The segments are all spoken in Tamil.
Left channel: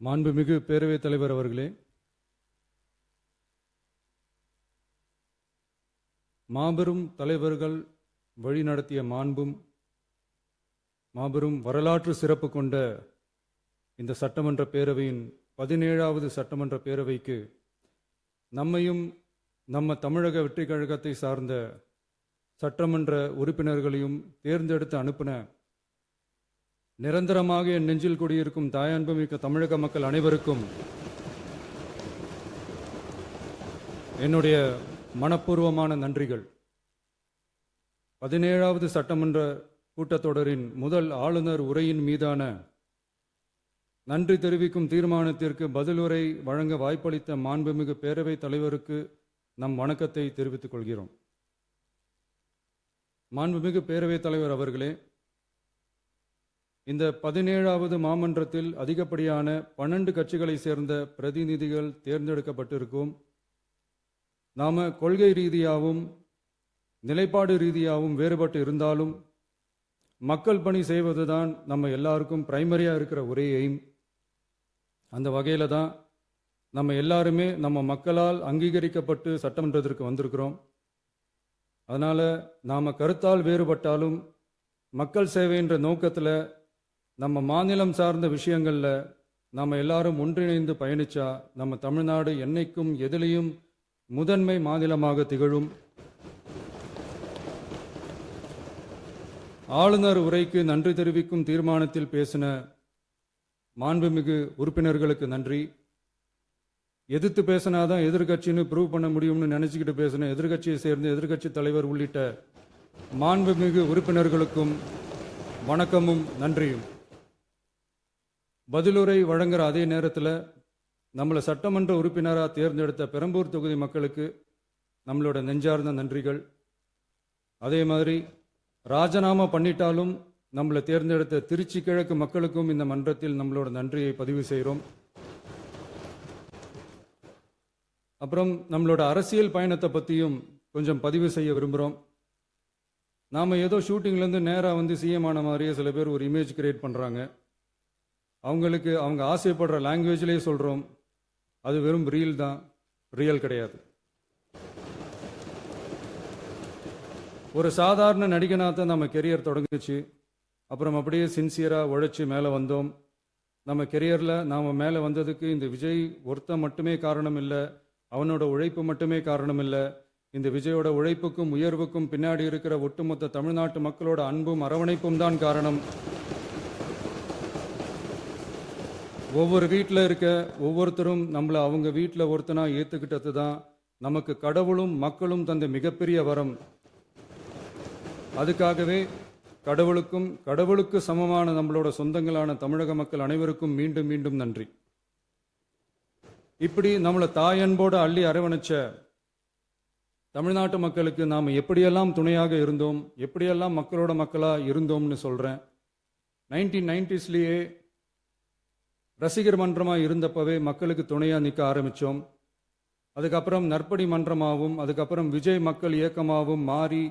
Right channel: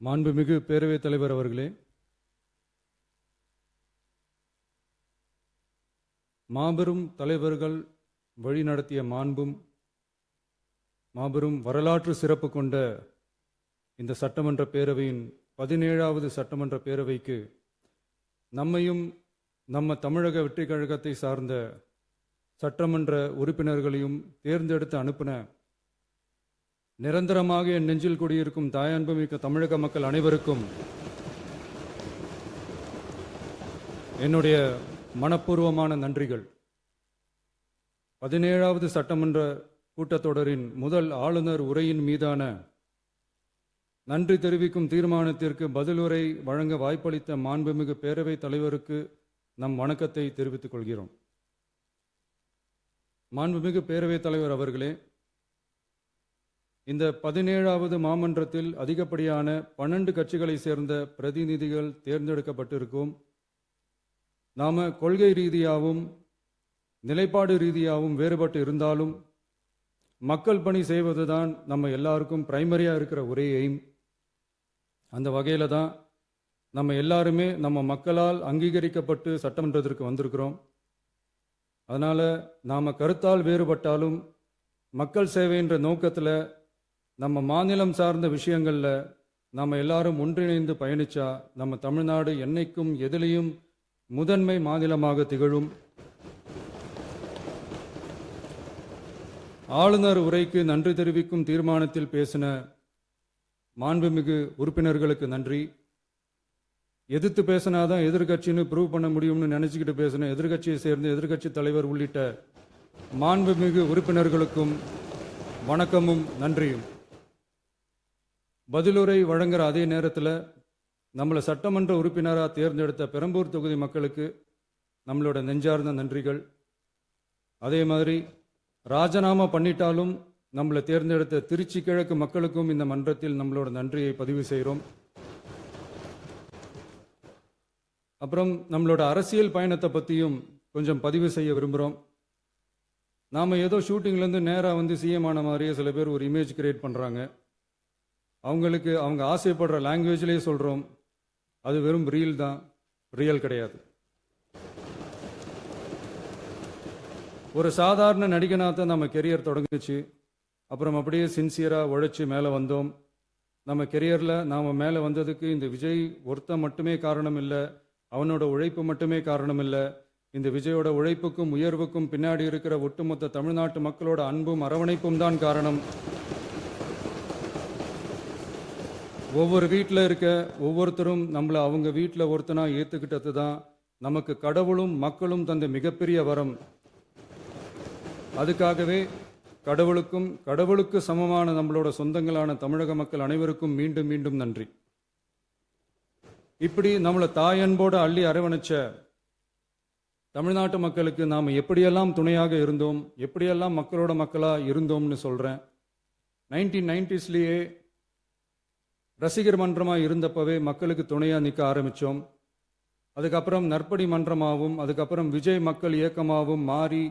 மாண்புமிகு பேரவைத் தலைவர் அவர்களே, மாபெரும் தலைவர்கள் வழிநடத்திய மாபெரும் வரலாற்று சிறப்பு கொண்ட இந்த சட்டமன்ற பேரவையின் 17வது சட்டமன்ற பேரவைக்கு நம்மையும் நம்ம தமிழக வெற்றிக் கழகத்தை சார்ந்த சட்டமன்ற உறுப்பினர்களையும் தேர்ந்தெடுத்து அனுப்பின நிரந்தரமாக என் நெஞ்சில் குடியிருக்கும் தாயன்புமிக்க தமிழக மக்கள் அனைவருக்கும் என்னுடைய மனப்பூர்வமான நன்றிகள். 17வது சட்டமன்ற கூட்டத்தொடரின் முதல் ஆளுநர் உரையின் மீதான நன்றி தெரிவிக்கும் தீர்மானத்திற்கு பதிலுரை வழங்க வாய்ப்பளித்த மாண்புமிகு பேரவைத் தலைவருக்கு நம் வணக்கத்தை தெரிவித்துக் கொள்கிறோம். மாண்புமிகு பேரவைத் தலைவர் அவர்களே, இந்த 17வது மாமன்றத்தில் அதிகப்படியான 12 கட்சிகளை சேர்ந்த பிரதிநிதிகள் தேர்ந்தெடுக்கப்பட்டிருக்கும். நாம கொள்கை ரீதியாகவும் நிலைப்பாடு ரீதியாகவும் வேறுபட்டு இருந்தாலும் மக்கள் பணி செய்வதுதான் நம்ம எல்லாருக்கும் பிரைமரியா இருக்கிற ஒரே எய்ம். அந்த வகையில தான் நம்ம எல்லாருமே நம்ம மக்களால் அங்கீகரிக்கப்பட்டு சட்டமன்றத்திற்கு வந்திருக்கிறோம். அதனால நாம கருத்தால் வேறுபட்டாலும் மக்கள் சேவை என்ற நோக்கத்தில் நம்ம மாநிலம் சார்ந்த விஷயங்கள்ல நம்ம எல்லாரும் ஒன்றிணைந்து பயணிச்சா நம்ம தமிழ்நாடு என்னைக்கும் எதிலையும் முதன்மை மாநிலமாக திகழும். ஆளுநர் உரைக்கு நன்றி தெரிவிக்கும் தீர்மானத்தில் பேசின மாண்புமிகு உறுப்பினர்களுக்கு நன்றி. எதிர்த்து பேசினாதான் எதிர்கட்சின்னு ப்ரூவ் பண்ண முடியும்னு நினைச்சுக்கிட்டு பேசின எதிர்கட்சியை சேர்ந்த எதிர்கட்சி தலைவர் உள்ளிட்ட மாண்புமிகு உறுப்பினர்களுக்கும் வணக்கமும் நன்றியும். பதிலுரை வழங்குற அதே நேரத்தில் நம்மளை சட்டமன்ற உறுப்பினராக தேர்ந்தெடுத்த பெரம்பூர் தொகுதி மக்களுக்கு நம்மளோட நெஞ்சார்ந்த நன்றிகள். அதே மாதிரி ராஜினாமா பண்ணிட்டாலும் நம்மளை தேர்ந்தெடுத்த திருச்சி கிழக்கு மக்களுக்கும் இந்த மன்றத்தில் நம்மளோட நன்றியை பதிவு செய்கிறோம். அப்புறம் நம்மளோட அரசியல் பயணத்தை பற்றியும் கொஞ்சம் பதிவு செய்ய விரும்புகிறோம். நாம் ஏதோ ஷூட்டிங்லேருந்து நேராக வந்து சிஎம் ஆன மாதிரியே சில பேர் ஒரு இமேஜ் கிரியேட் பண்ணுறாங்க. அவங்களுக்கு அவங்க ஆசைப்படுற லாங்குவேஜ்லேயே சொல்கிறோம், அது வெறும் ரீல் தான், ரியல் கிடையாது. ஒரு சாதாரண நடிகனாக தான் நம்ம கெரியர் தொடங்குச்சு. அப்புறம் அப்படியே சின்சியராக உழைச்சி மேலே வந்தோம். நம்ம கெரியரில் நாம் மேலே வந்ததுக்கு இந்த விஜய் ஒருத்தன் மட்டுமே காரணம் இல்லை, அவனோட உழைப்பு மட்டுமே காரணம் இல்லை. இந்த விஜயோட உழைப்புக்கும் உயர்வுக்கும் பின்னாடி இருக்கிற ஒட்டுமொத்த தமிழ்நாட்டு மக்களோட அன்பும் அரவணைப்பும் தான் காரணம். ஒவ்வொரு வீட்டில் இருக்க ஒவ்வொருத்தரும் நம்மளை அவங்க வீட்டில் ஒருத்தனா ஏற்றுக்கிட்டது தான் நமக்கு கடவுளும் மக்களும் தந்த மிகப்பெரிய வரம். அதுக்காகவே கடவுளுக்கு சமமான நம்மளோட சொந்தங்களான தமிழக மக்கள் அனைவருக்கும் மீண்டும் மீண்டும் நன்றி. இப்படி நம்மளை தாயன்போடு அள்ளி அரவணைச்ச தமிழ்நாட்டு மக்களுக்கு நாம் எப்படியெல்லாம் துணையாக இருந்தோம், எப்படியெல்லாம் மக்களோட மக்களாக இருந்தோம்னு சொல்கிறேன். 1990ஸ்லேயே ரசிகர் மன்றமாக இருந்தப்பவே மக்களுக்கு துணையாக நிற்க ஆரம்பித்தோம். அதுக்கப்புறம் நற்படி மன்றமாகவும் அதுக்கப்புறம் விஜய் மக்கள் இயக்கமாகவும் மாறி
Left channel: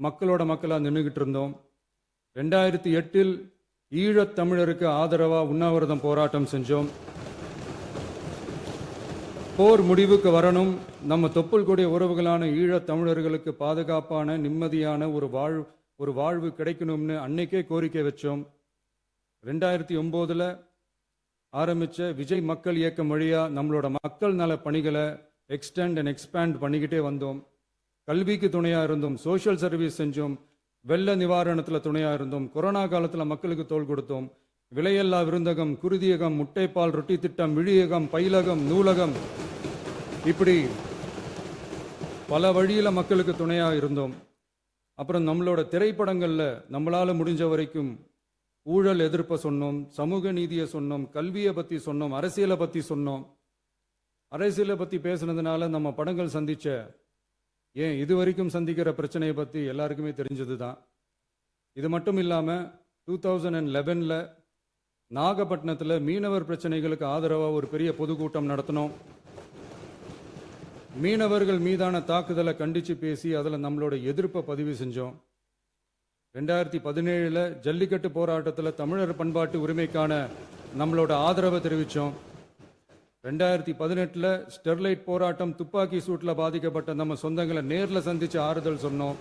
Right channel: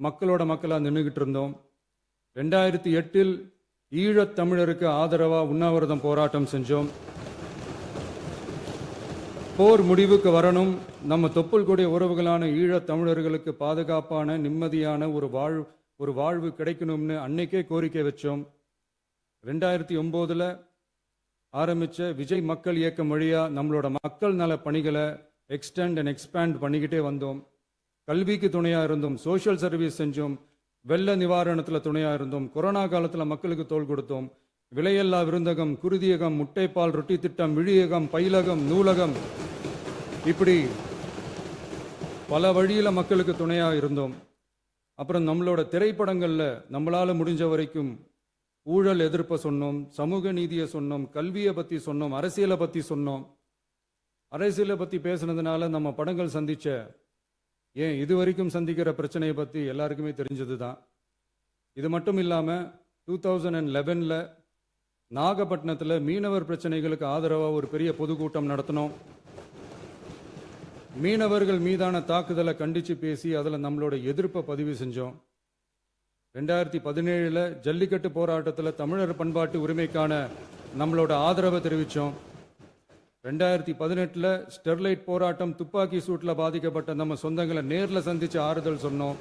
மக்களோட மக்களாக நின்றுகிட்டு இருந்தோம். 2008இல் ஈழத் தமிழருக்கு ஆதரவாக உண்ணாவிரதம் போராட்டம் செஞ்சோம். போர் முடிவுக்கு வரணும், நம்ம தொப்புள் கொடிய உறவுகளான ஈழத் தமிழர்களுக்கு பாதுகாப்பான நிம்மதியான ஒரு வாழ்வு கிடைக்கணும்னு அன்னைக்கே கோரிக்கை வச்சோம். 2009 ஆரம்பிச்ச விஜய் மக்கள் இயக்கம் வழியா நம்மளோட மக்கள் நல பணிகளை எக்ஸ்டெண்ட் அண்ட் எக்ஸ்பேண்ட் பண்ணிக்கிட்டே வந்தோம். கல்விக்கு துணையா இருந்தோம், சோஷியல் சர்வீஸ் செஞ்சோம், வெள்ள நிவாரணத்தில் துணையா இருந்தோம், கொரோனா காலத்தில் மக்களுக்கு தோள் கொடுத்தோம். விலையில்லா விருந்தகம், குருதியகம், முட்டைப்பால் ரொட்டி திட்டம், விழியகம், பயிலகம், நூலகம், இப்படி பல வழியில மக்களுக்கு துணையா இருந்தோம். அப்புறம் நம்மளோட திரைப்படங்கள்ல நம்மளால முடிஞ்ச வரைக்கும் ஊழல் எதிர்ப்பை சொன்னோம், சமூக நீதியை சொன்னோம், கல்வியை பத்தி சொன்னோம், அரசியலை பத்தி சொன்னோம். அரசியலை பத்தி பேசுனதுனால நம்ம படங்கள் சந்திச்ச இது வரைக்கும் சந்திக்கிற பிரச்சனையை பத்தி எல்லாருக்குமே தெரிஞ்சது தான். இது மட்டும் இல்லாம 2011 நாகப்பட்டினத்தில் மீனவர் பிரச்சனைகளுக்கு ஆதரவாக ஒரு பெரிய பொதுக்கூட்டம் நடத்தினோம். மீனவர்கள் மீதான தாக்குதலை கண்டிச்சு பேசி அதில் நம்மளோட எதிர்ப்பை பதிவு செஞ்சோம். 2017 ஜல்லிக்கட்டு போராட்டத்தில் தமிழர் பண்பாட்டு உரிமைக்கான நம்மளோட ஆதரவை தெரிவித்தோம். 2018 ஸ்டெர்லைட் போராட்டம் துப்பாக்கி சூட்ல பாதிக்கப்பட்ட நம்ம சொந்தங்களை நேர்ல சந்திச்சு ஆறுதல் சொன்னோம்.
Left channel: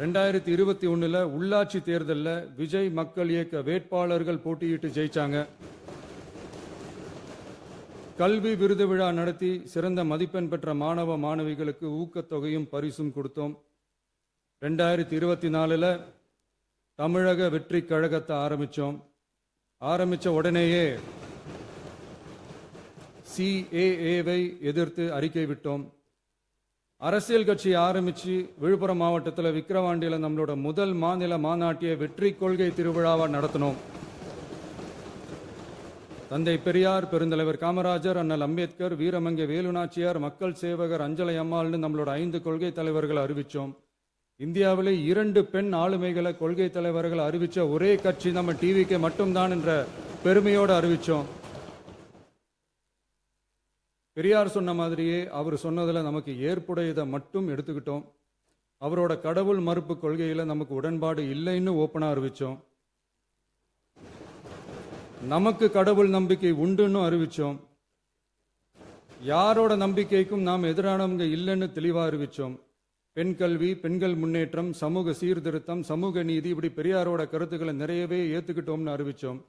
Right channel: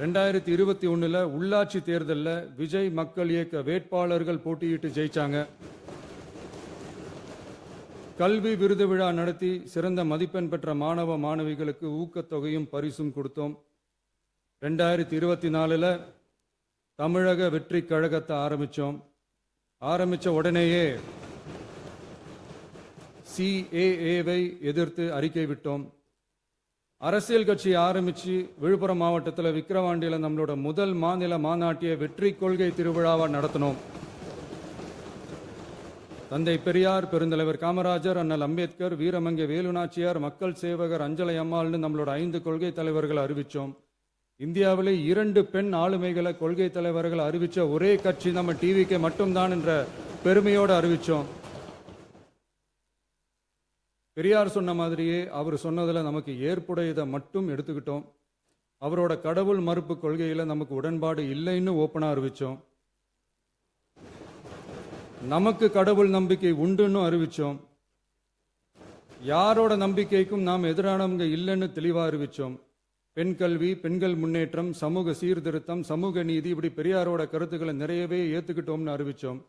2021 உள்ளாட்சி தேர்தலில் விஜய் மக்கள் இயக்க வேட்பாளர்கள் போட்டியிட்டு ஜெயிச்சாங்க. கல்வி விருது விழா நடத்தி சிறந்த மதிப்பெண் பெற்ற மாணவ மாணவிகளுக்கு ஊக்கத்தொகையும் பரிசும் கொடுத்தோம். 2024 தமிழக வெற்றி கழகத்தை ஆரம்பிச்ச உடனேயே CAA-வை எதிர்த்து அறிக்கை விட்டோம். அரசியல் கட்சி ஆரம்பிச்சு விழுப்புரம் மாவட்டத்தில் விக்கிரவாண்டியில் நம்மளோட முதல் மாநில மாநாட்டிய வெற்றி கொள்கை திருவிழாவை நடத்தினோம். தந்தை பெரியார், பெருந்தலைவர் காமராஜர், அண்ணல் அம்பேத்கர், வீரமங்கை வேலுநாச்சியார், மக்கள் சேவகர் அஞ்சலை அம்மாள்னு நம்மளோட 5 கொள்கை தலைவர்கள் அறிவிச்சோம். இந்தியாவிலே 2 பெண் ஆளுமைகளை கொள்கை தலைவர்கள் அறிவிச்ச ஒரே கட்சி நம்ம டிவிக்கு மட்டும்தான் என்ற பெருமையோடு அறிவிச்சோம். பெரியார் சொன்ன மாதிரியே அவர் சொன்னதுல நமக்கு ஏற்புடையதை மட்டும் எடுத்துக்கிட்டோம். அவரோட கடவுள் மறுப்பு கொள்கையில நமக்கு உடன்பாடு இல்லைன்னு ஓப்பனா அறிவிச்சோம். நமக்கு கடவுள் நம்பிக்கை உண்டுன்னு அறிவிச்சோம். யாரோட நம்பிக்கைக்கும் நாம் எதிரானவங்க இல்லைன்னு தெளிவா அறிவிச்சோம். பெண் கல்வி, பெண்கள் முன்னேற்றம், சமூக சீர்திருத்தம், சமூக நீதி, இப்படி பெரியாரோட கருத்துக்களை நிறையவே ஏத்துக்கிட்டோம்னு அறிவிச்சோம்.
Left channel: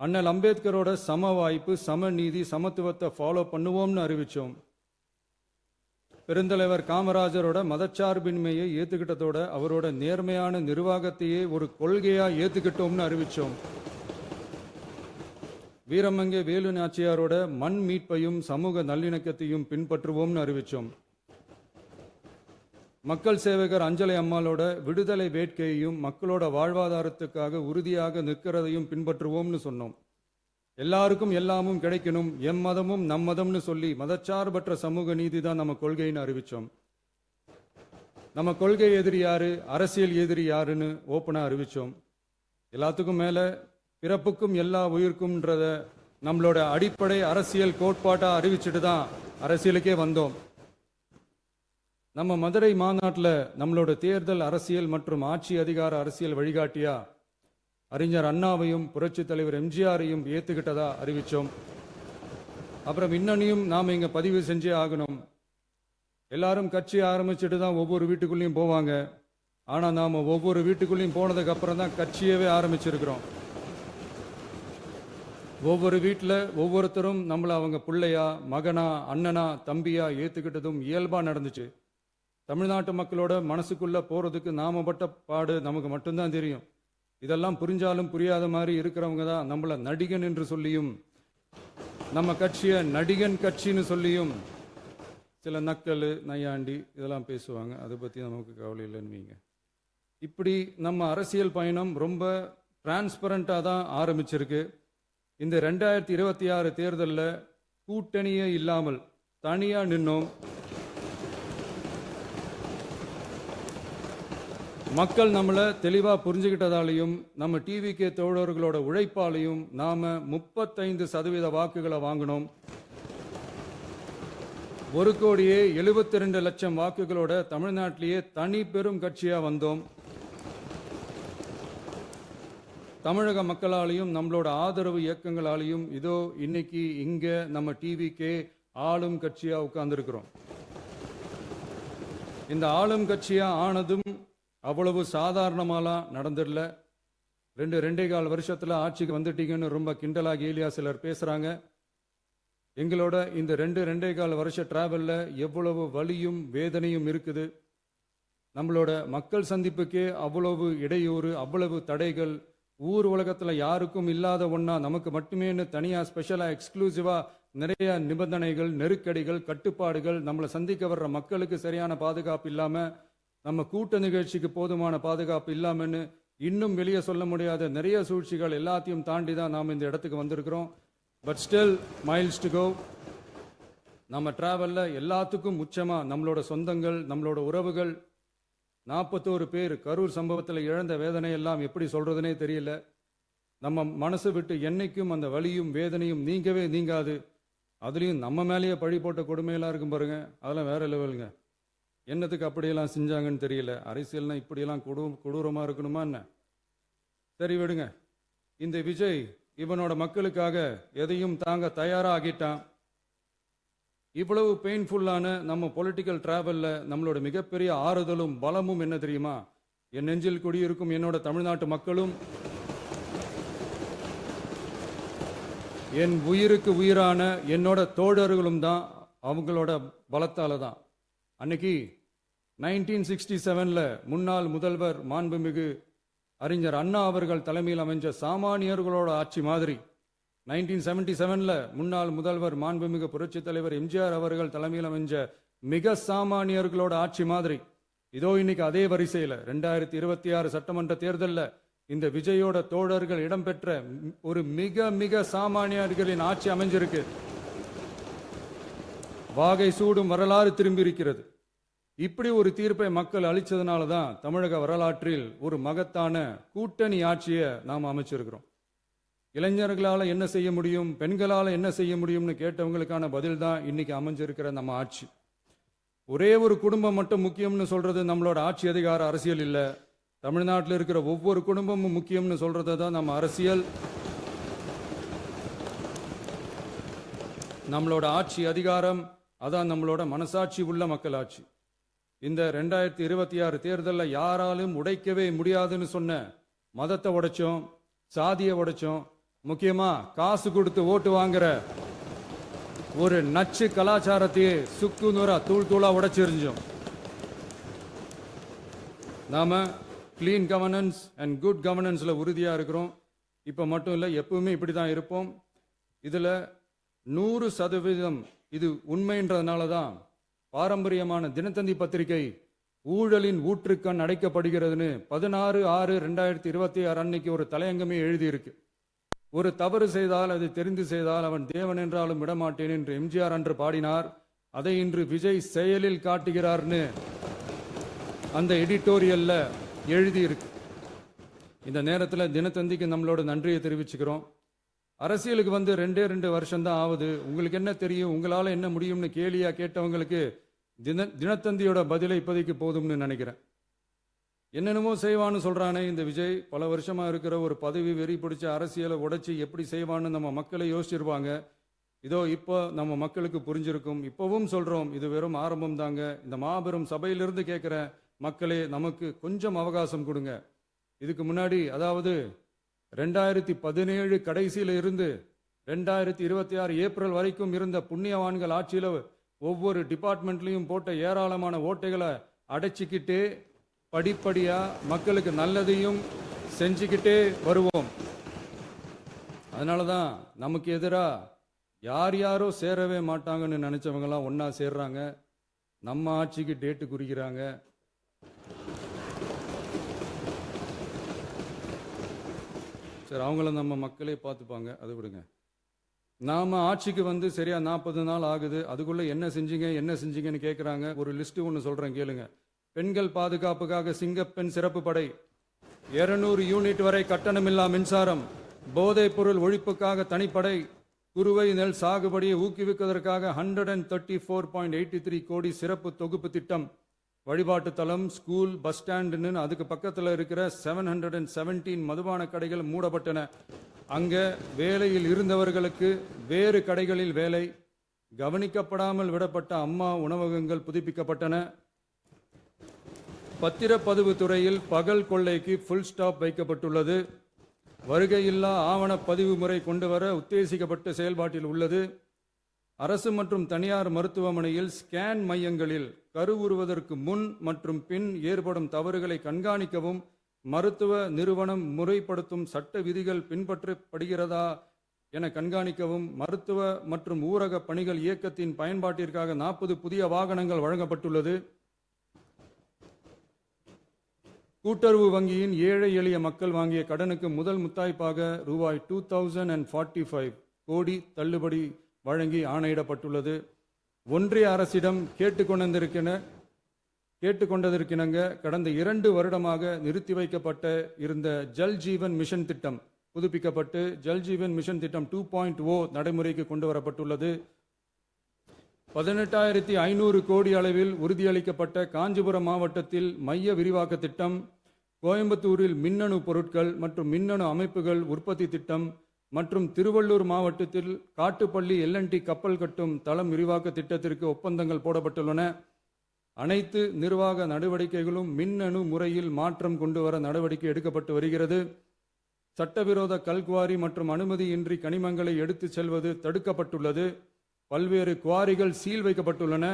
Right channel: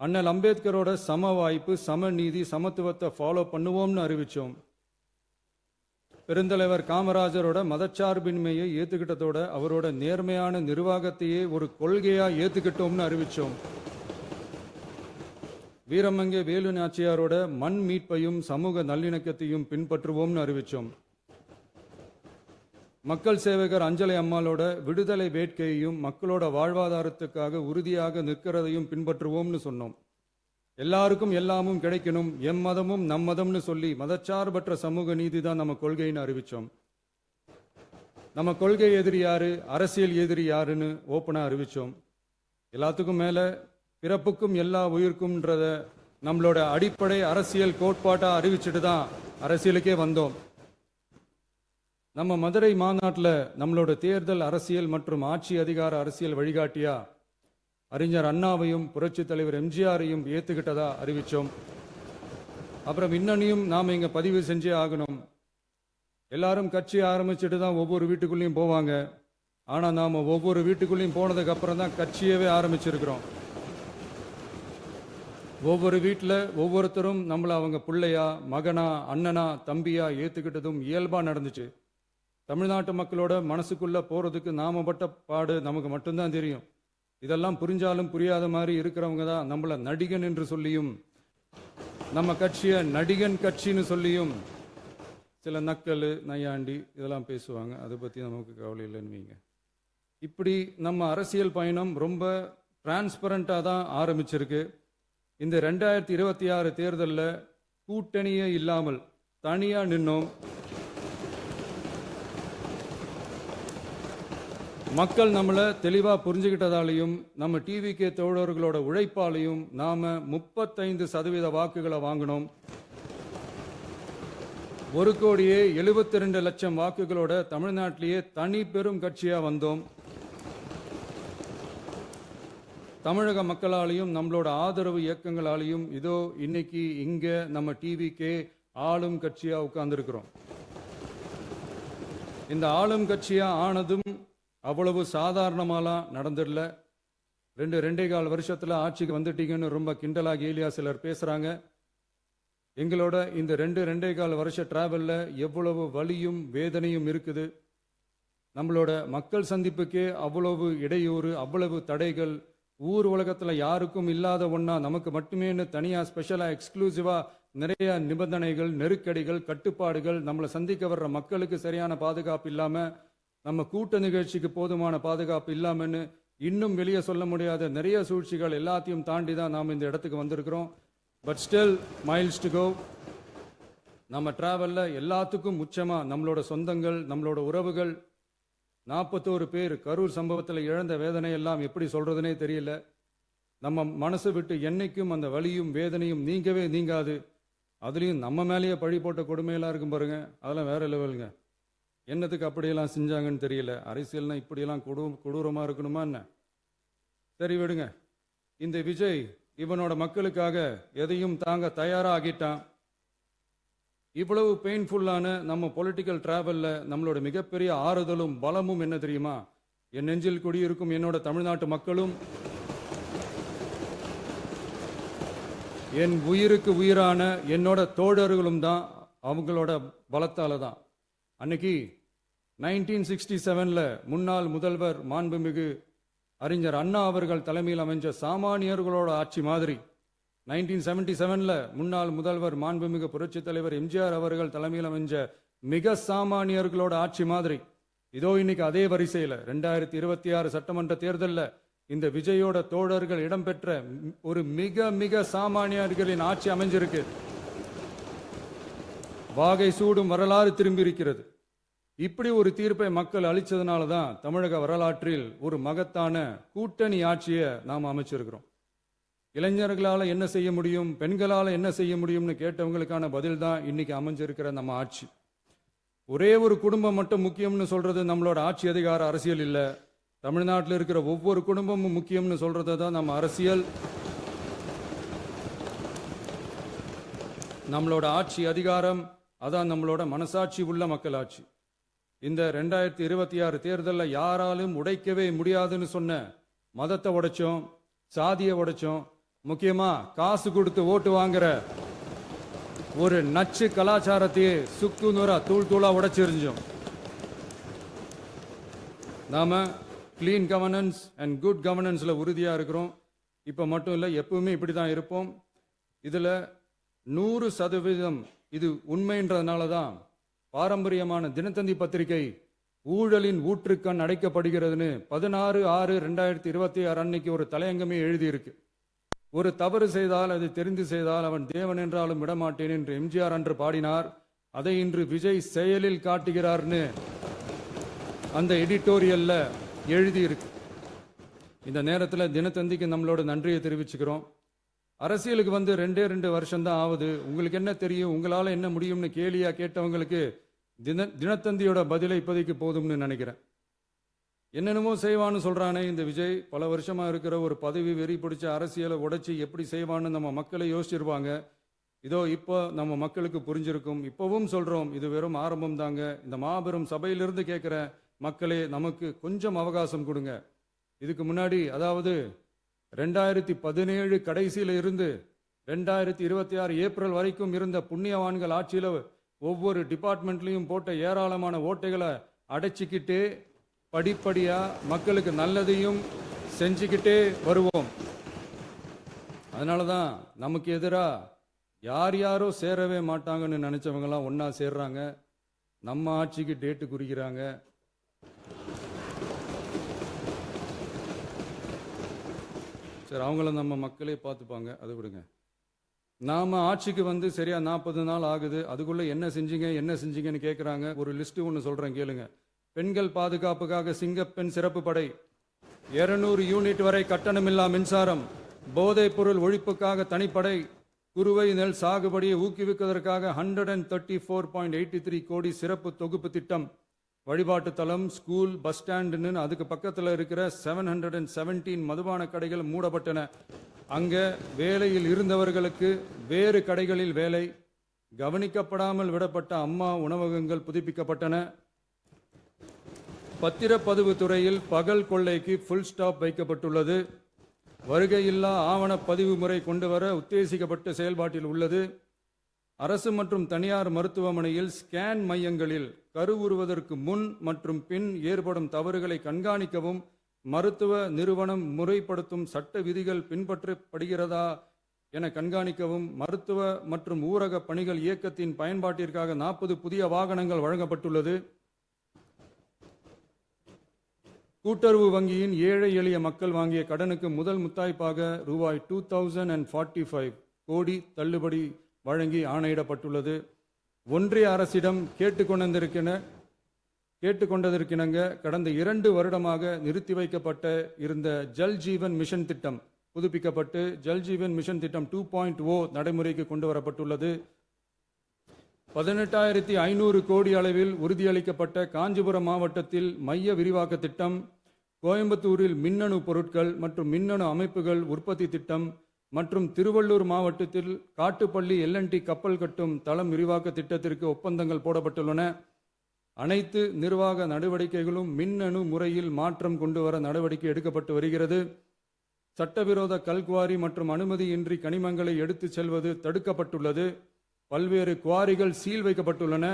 அண்ணல் அம்பேத்கரோட சம வாய்ப்பு, சமநீதி, சமத்துவத்தை ஃபாலோ பண்ணுவோம்னு அறிவிச்சோம். பெருந்தலைவர் காமராஜரோட மதச்சார்பின்மையை ஏத்துக்கிட்டதோட அவரோட நேர்மையான நிர்வாகத்தையே ஒரு கொள்கையா ஏத்துக்கிட்டோம்னு அறிவிச்சோம். வீரமங்கை வேலு நாச்சியாரோட மண் மீட்பையும் சமூக நல்லிணக்கத்தையும் பின்பற்றுவோம்னு அறிவிச்சோம். மக்கள் சேவகர் அஞ்சலை அம்மாளோட விடுதலை வேட்கையையும் மக்களோட வாழ்வாதாரத்துக்காக உறுதியாக நிற்கிறதையும் பின்பற்றுவோம்னு சொன்னோம். எல்லாருக்கும் எல்லாமும் கிடைக்கணும், எம் மதமும் நம் மதம்னு சொல்லி மதச்சார்பற்ற சமூக நீதி தான் நம்ம கொள்கைன்னு அறிவிச்சோம். நம்ம கொள்கை எதிரி யாரு, அரசியல் எதிரி யாருன்னு ஓப்பனா அறிவிச்சோம். எல்லாத்துக்கும் மேல பிறப்புக்கும் எல்லா உயிருக்கும்ன்றத நம்மளோட அடிப்படை அரசியல் கோட்பாட்டா அறிவிச்சுட்டு தான் அரசியலுக்கே வந்தோம். நம்ம மதுரை மாநாட்டில் நம்மளோட தேர்தல் அரசியல் மற்றும் ஆட்சி அதிகார அரசியல் வழிகாட்டியா அறிஞர் அண்ணாவையும் புரட்சி தலைவர் எம்ஜிஆரையும் ஏத்துக்கிட்டதா அறிவிச்சோம். அப்புறம் இன்னனையும் நாம இங்க பதிவு செஞ்சே ஆகணும். எல்லாரும் கட்சி ஆரம்பிச்சுட்டு தான் ஒவ்வொரு வீட்டுக்குள்ளேயும் போவாங்க. ஆனா நாம ஒவ்வொரு வீட்டுக்குள்ளேயும் போனதுக்கு அப்புறம் தான் கட்சியவே ஆரம்பிச்சிருக்கிறோம். ஒவ்வொரு வீட்டில் ஒவ்வொருத்தரும் நம்மள அவங்க பிள்ளையா, மகனா, அண்ணனா, தம்பியா ஏத்துக்கிட்டதும் இயல்பா நடந்துச்சு. தமிழ்நாட்டு மக்களோட மனசுக்குள்ள போறதுக்கு நாம பட்ட பாடு நமக்கு மட்டும்தான் தெரியும். இதெல்லாம் புரிஞ்சாலும் புரியாத மாதிரி இருக்கிறவங்க தான் நம்மள நடிகன் என்று சொல்லியும் நம்ம கட்சியை நடிகன் கட்சின்னு சொல்லியும் சில நக்கல், நையாண்டி இதெல்லாம் பேசுவாங்க. அதை பத்தி நமக்கு கவலை இல்லைன்னு வைங்க. இப்படி நம்ம அரசியல் பயணம் ரொம்ப டிரான்ஸ்பரண்டா தான் ஆரம்பிச்சிருக்கு. இந்த 2026 தேர்தலில் கூட்டணியே இல்லாமல் தனியா நின்னோம். மக்கள் நம்மளை தெளிவா புரிஞ்சுக்கிட்டதாலையும் நம்ம டிவிகே தோழர்களோட உழைப்பாலையும் நாம 35% வாக்குகளை வாங்கினோம். 1,72,00,000 வாக்குகளோட தமிழ்நாட்டிலேயே தனி பெரும் கட்சியா வந்தோம். தமிழக மக்களாலையும் நம்மளோட ஆதரவு இயக்கங்களாலையும் இதோ இன்னைக்கு இங்க நம்ம டிவிகே ஆளும் கட்சியா உட்கார்ந்துருக்கிறோம். இந்த ஆளும் கட்சியா ஆனதும் அவ்வளவு சாதாரணமாலாம் நடந்துடல. 2.25 வருஷத்துல ஆட்சிக்கு வந்துட்டீங்கன்னு ரொம்ப கிண்டலா கேலியா சிலர் பேசுறாங்க. எங்களோட இந்த 2.25 வருஷ டிராவல்ல எவ்வளவு வலியும் வேதனையும் இருக்குது. நம்மளோட மக்கள் சந்திப்புக்கே அவ்வளவு இடையூறு, அவ்வளவு தடைகள், ஊர் உலகத்துல யாருக்கும் இல்லாத ஒன்னா நமக்கு மட்டுமேன்னு தனியா ஸ்பெஷலா எக்ஸ்க்ளூசிவா நிறைய நிபந்தனைகள், நெருக்கடிகள், கட்டுப்பாடுகள், நம்மளை சந்திக்க வர்ற மக்களுக்கு சரியான பாதுகாப்பு இல்லாம, நம்ம கூட்ட நிகழ்ச்சிக்கு போதுமான பாதுகாப்பு இல்லாமன்னு இன்னும் வெளியே சொல்ல முடியாத நிறைய சூழ்ச்சிகள் எல்லாத்தையும் தாண்டி தான் நாம் இந்த இடத்துக்கு வந்திருக்கிறோம். But still miles to go. நம்ம டிராவல்ல எல்லாத்துக்கும் உச்சமா நம்மளோட சொந்தங்கள், நம்மளோட உறவுகள், 41 பேர் கரூர் சம்பவத்தில் இழந்த வேதனை எல்லாம் எப்படி சொல்றதுனே தெரியல. நம்ம மனசை விட்டு என்னைக்கும் அந்த வலியும் வேதனையும் நீங்கவே நீங்காது. அதுலயும் நம்ம மேலேயே பழி போட்ட கொடுமையெல்லாம் இருக்கும் பாருங்க, அதெல்லாம் வேற லெவலுங்க. என்னத்துக்கு அப்படியெல்லாம் செஞ்சாங்கன்னு தெரியல. அரசியல்னா இப்படியெல்லாம் கொடூரமா இருக்கணுமா என்ன? சரி விடுங்க. இந்த விஜய் இவனோட மக்களுக்காக எதையும் தாங்க தயாராகிட்டான். இவ்வளவு பெயின்ஃபுல்லான நம்ம பொலிட்டிக்கல் டிராவல்ல நம்மளோட மிகப்பெரிய ஆறுதலும் பலமும் என்ன தெரியுமா? என் நெஞ்சில் குடியிருக்கும் என்னோட தமிழ்நாட்டு மக்களும் என் உயிருக்கு உயிரான என்னோட தோழர்களும் தான். அவங்களோட பலத்தால தான். அன்னைக்கு 1967ல முன்னாள் முதல்வர் மாண்புமிகு அறிஞர் அண்ணா அவர்கள் தலைமையில் அமைஞ்ச சாமானியர்களோட ஆட்சி மாதிரி 1977ல முன்னாள் முதல்வர் மாண்புமிகு புரட்சி தலைவர் எம்ஜிஆர் அவர்கள் தலைமையில் அமைஞ்ச மிக சாமானியர்களோட ஆட்சி மாதிரி இதோ இன்னைக்கு அதே வரிசையில 2026 சட்டமன்ற தேர்தலில் இந்த விஜயோட தோழர்கள் இடம்பெற்ற ஒரு மிக மிக சாமானியர்களின் ஆட்சி அமைஞ்சிருக்கு. வாகை சூடும் வரலாறு திரும்பி இருக்கிறது. இப்படி ஒரு தீர்ப்பை மக்கள் அளிச்சதுனால தான் தமிழக வரலாற்றில் ஒரு மகத்தான கூட்டணி ஆட்சியை நாம் அமைச்சிருக்கிறோம். இளைஞர்களால என்ன செய்ய முடியும், பெண்களால என்ன செய்ய முடியும்னு கேட்டவங்களுக்கான பதில் தான் இன்னைக்கு அமைஞ்சிருக்கிற நம்ம ஆட்சி. ஒரே ஒரு குடும்பம் மட்டும் முக்கியம்னு சொல்றது நம்மளோட ஆட்சி அதிகார அரசியல் இல்ல. தமிழ்நாட்டில் இருக்கிற ஒவ்வொரு குடும்பமும் முக்கியம்னு சொல்றது தான் நம்ம அரசியல். நம்மளோட ஆட்சி அதிகாரம் அதான் நம்மளோட மனசாட்சி உள்ள மக்கள் ஆட்சி. இந்த 2026 தேர்தலில் யாராலும் உடைக்கவே முடியாதுன்னு சொன்ன மதத்தை உடைச்சோம், சாதியை உடைச்சோம், முக்கியமா காசு கொடுத்து ஓட்டு வாங்குற ஒரு நச்சு கலாச்சாரத்தையே சுக்கு நூறா தூள் தூளா உடைச்சிருந்தோம். நாம கிளீன் கவர்னன்ஸ் அண்ட் குட் கவர்னன்ஸ்ல உறுதியா இருக்கிறோம். இப்ப மட்டும் இல்ல, எப்பவுமே இப்படிதான் இருப்போம். இதுல 100% இது உண்மைன்றதுனால தான் பாரம்பரியமான தினத்தந்தி பத்திரிகை ஊழலின் ஊற்றுக்கண் அடைக்கப்படுகிறதுன்னு 16/6/2026 அன்னைக்கு ஒரு தலையங்கமே எழுதியிருக்கு. ஒரு தவறு செய்தால் அது தெரிந்து செய்தால் அவன் தேவன் என்றாலும் விடமாட்டேன் என்று எம்ஜிஆர் அன்று பாடினார். அதை இன்று விஜய் செயலில் காட்டுகிறார்னு அந்த எடிட்டோரியல்ல எழுதியிருக்கு. இந்த நேரத்தில் தினத்தந்திக்கு நம்மளோட நன்றியை தெரிவிச்சுக்கிறோம். அரசியலுக்கு வந்து 2 வருஷம் தான் ஆகுது. உங்களுக்கு என்ன தெரியும், உங்களால என்ன முடியும்னு கேலியா கேட்டவங்களுக்கு தினத்தந்தியோட பதிலை இப்போதைக்கு போதும்னு நினைக்கிறேன். என்னென்னமோ செய்வான்னு சொல்றானே இந்த விஜய், பல வருஷமா இருக்கிற ஒரு பதவி வெறி பிடிச்ச அரசியலை உடைச்சி எப்படி செய்வான்னு நம்ம மக்களை யோசிச்சிருவாங்க. இதோ இப்போ நம்ம மக்களுக்கு புரிஞ்சிருக்கும். இப்பவும் சொல்றோம், இது வெறும் ஆரம்பம் தாங்க. இந்த மாபெரும் சபையிலிருந்து கேட்கிற மக்களே, நமக்கு கொஞ்சம் அவகாசம் கொடுங்க. இதுக்கு முன்னாடி, அதாவது 2017 கடைசியில இருந்து 2026 ஏப்ரல் வரைக்கும் இருந்த புண்ணியவான்கள் ஆட்சியில ஒவ்வொரு டிபார்ட்மெண்ட்லயும் போட்ட ஏராளமான ஓட்டைகளை அடைச்சிக்கிட்டே படிப்படியா மக்களுக்கு நல்லதையும் செஞ்சுக்கிட்டே வருவோம். அதனாலதான் நமக்கு எதிரா யார் யாரோ சேரவே மாட்டாங்கன்னு நினைச்சவங்க எல்லாம் ஒன்னா சேர்றாங்க. நம்ம ஆட்சிக்கு டேட்டு குறிக்கிறாங்க. சரி, அவங்கள நம்ம மக்களே பார்த்துப்பாங்க, அதை விடுங்க. நாம ஆட்சிக்கு வந்து சரியா 40 நாள் ஆகுது. அதுக்குள்ள என்ன செஞ்சீங்கன்னு கேட்கிறாங்க. ஒரு லிஸ்ட் ஒன்று சொல்றேன் கேளுங்க. பெண்கள் பாதுகாப்புக்காக சிங்கப்பெண் சிறப்பு படை, 200 யூனிட் வரை கட்டணமில்லா மின்சாரம், போதைப் பொருள் ஒழிப்புக்காக தனிப்படை, குறுவை நெல் சாகுபடியை ஊக்குவிப்பதற்காக 134.83 கோடி சிறப்பு தொகுப்பு திட்டம், வழிபாட்டு தலம், ஸ்கூல், பஸ் ஸ்டாண்டுன்னு அதுக்கு பக்கத்தில் இருக்கிற 717 மதுபான கடைகள் மூடப்பட்டன. அங்க வேலையில் இருந்தவர்களுக்கு வேறு கடைகளில் வேலை, கவனிக்கப்படாமல் விடப்பட்ட அம்மா உணவகங்கள் புதுப்பிக்கப்பட்டன. பத்திரப்பதிவு துறையில் பகல் கொள்ளைக்கு ஃபுல் ஸ்டாப் வைக்கப்பட்டுள்ளது. வருகையில்லா ஆவண பதிவு முறை கொண்டு வர உத்தேசிக்கப்பட்ட செயல்பாட்டில் உள்ளது. அரசு மற்றும் தனியார் மருத்துவமனையில் ஸ்கேன் மையங்களில் கருவுறுவதற்கு முன் மற்றும் பின் ஏற்படும் தவறுகளை கண்காணிக்கவும், மருத்துவ நிறுவனம் முறைப்படுத்தும் சட்ட விதிகள் பின்பற்றப்படுகிறதா என கண்காணிக்கவும், மருத்துவ மற்றும் ஊரக பணிகள் இயக்கத்தின் பயன்பாட்டிற்காக 40 புதிய வாகனங்கள் வழங்கப்பட்டுள்ளது. கூட்டுறவு வங்கியின் ஏழை எளிய மக்கள் வாங்கிய கடனுக்கு முதல் முத்தாய்ப்பாக ரூபாய் 2045 கோடி தள்ளுபடி வழங்கி ஆணையிடப்பட்டுள்ளது. ஒன்றிய அரசிடம் கேட்டுக்கொண்டதற்கிணங்க கடந்த 2 வருடமாக நிறுத்தி வைக்கப்பட்ட இருந்த ஜல் ஜீவன் மிஷன் திட்டம் புதுப்பிக்கப்பட்டு ஜல் ஜீவன் மிஷன் திட்டம் 2.0 நடைமுறைக்கு கொண்டு வரப்பட்டுள்ளது. 18,500 கோடி அளவில் உறுதியளிக்கப்பட்ட காஞ்சிபுரம் மாவட்டத்தில் மைய விரிவாக்க திட்டம், கோயம்புத்தூரில் மின்னணு பொருட்கள் மற்றும் மின்னணு அமைப்புகள் உற்பத்தி திட்டம், மற்றும் திருவள்ளூர் மாவட்டத்தில் காட்டுப்பள்ளி LNT கப்பல் கட்டும் தளம் விரிவாக்க திட்டத்திற்கு ஒப்பந்தங்கள் போடப்பட்டுள்ளன. அனைத்து நிர்வாக நடவடிக்கைகளும் மின்னணு முறையில் மாற்றம் கொண்டு வர நடவடிக்கை எடுக்கப்பட்டு வருகிறது. சட்டவிரோத கல்குவாரி மற்றும் அனுமதியின்றி கனிமங்களை எடுத்துச் செல்வது தடுக்கப்பட்டுள்ளது. பல்வேறு குவாரிகள் சீல் வைக்கப்பட்டுள்ளன.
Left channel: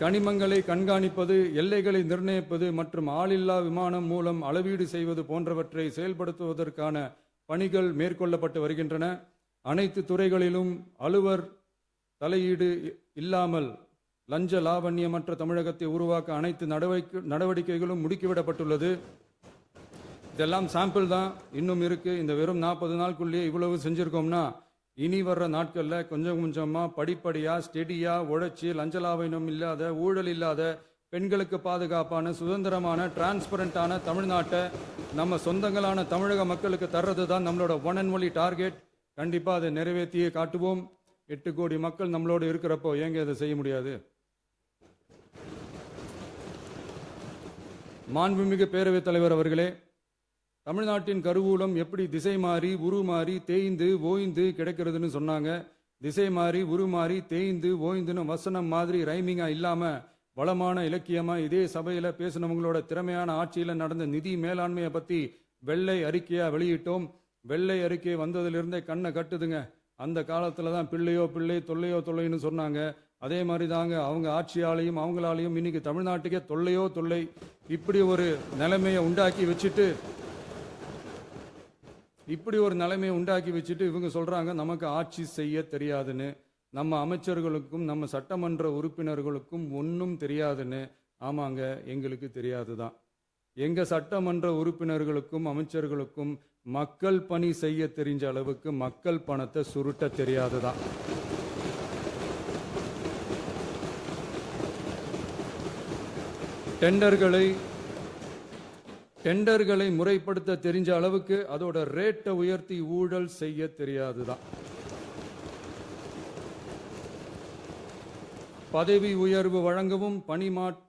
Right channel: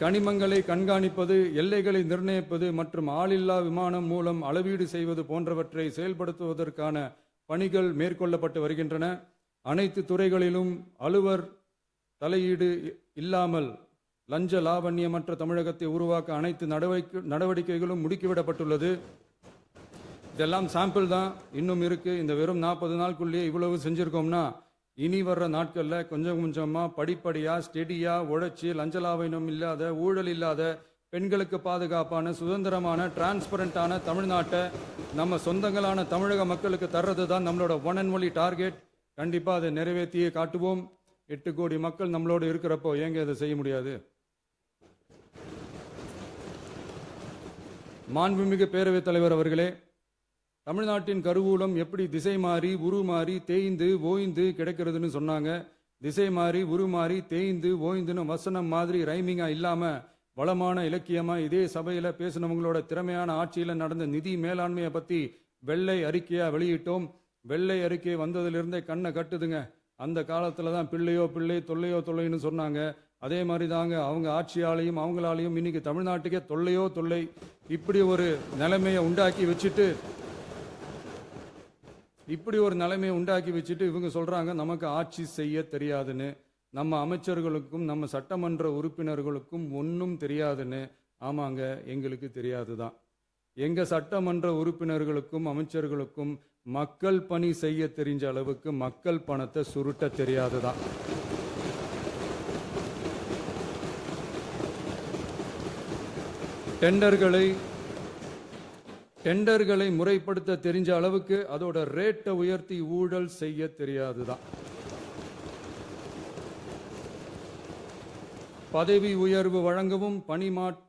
கனிமங்களை கண்காணிப்பது, எல்லைகளை நிர்ணயிப்பது மற்றும் ஆளில்லா விமானம் மூலம் அளவீடு செய்வது போன்றவற்றை செயல்படுத்துவதற்கான பணிகள் மேற்கொள்ளப்பட்டு வருகின்றன. அனைத்து துறைகளிலும் அலுவலர் தலையீடு இல்லாமல் லஞ்ச லாவண்யமற்ற தமிழகத்தை உருவாக்க அனைத்து நடவடிக்கைகளும் முடுக்கிவிடப்பட்டுள்ளது. இதெல்லாம் சாம்பிள் தான், இன்னும் இருக்கு. இந்த வெறும் 40 நாளுக்குள்ளேயே இவ்வளவு செஞ்சிருக்கோம்னா இனி வர்ற நாட்கள்ல கொஞ்சம் கொஞ்சமா படிப்படியா ஸ்டெடியா உழைச்சி லஞ்ச லாவண்யம் இல்லாத, ஊழல் இல்லாத, பெண்களுக்கு பாதுகாப்பான, சுதந்திரமான, டிரான்ஸ்பரண்டான தமிழ்நாட்டை நம்ம சொந்தங்களான தமிழக மக்களுக்கு தர்றது தான் நம்மளோட ஒன் அண்ட் ஒன்லி டார்கெட். கண்டிப்பா அதை நிறைவேற்றியே காட்டுவோம். 8 கோடி மக்கள் நம்மளோட இருக்கிறப்போ ஏங்க அதை செய்ய முடியாது? மாண்புமிகு பேரவைத் தலைவர் அவர்களே, தமிழ்நாட்டின் கருவூலம் எப்படி திசை மாறி உருமாறி தேய்ந்து ஓய்ந்து கிடைக்கிறதுன்னு சொன்னாங்க. திசை மாறி உருமாறி தேய்ந்து ஓய்ந்துன்னு வசனம் மாதிரி ரைமிங்கா இல்லாம வளமான இலக்கியமா இதே சபையில பேசினவங்களோட திறமையான ஆட்சியில நடந்த நிதி மேலாண்மையை பத்தி வெள்ளை அறிக்கையா வெளியிட்டோம். வெள்ளை அறிக்கை வந்ததிலிருந்தே கண்ணை கட்டுதுங்க. அந்த காலத்துல தான் பிள்ளையோ பிள்ளை, தொல்லையோ தொல்லைன்னு சொன்னாங்க. அதே மாதிரி தாங்க அவங்க ஆட்சியாலையும் அவங்களாலையும் இன்னைக்கு தமிழ்நாட்டுக்கே தொல்லையோ தொல்லை. இப்படி ஒரு நிலைமையை உண்டாக்கி வச்சுட்டு இவங்க சொல்றாங்க நமக்கு ஆட்சி செய்ய தெரியாதுன்னு. நம்ம அமைச்சர்களுக்கும் நம்ம சட்டமன்ற உறுப்பினர்களுக்கும் ஒன்றும் தெரியாதுன்னு. ஆமாங்க, எங்களுக்கு தெரியாதுதான். எங்க சட்டமன்ற உறுப்பினர்களுக்கும் அமைச்சர்களுக்கும் மக்கள் பணி செய்ய தெரிஞ்ச அளவுக்கு மக்கள் பணத்தை சுருட்ட தெரியாதுதான். டெண்டர்களை முறைப்படுத்த தெரிஞ்ச அளவுக்கு அதோட ரேட்டை உயர்த்தி ஊழல் செய்ய தெரியாதுதான். பதவி உயர்வு வழங்கவும்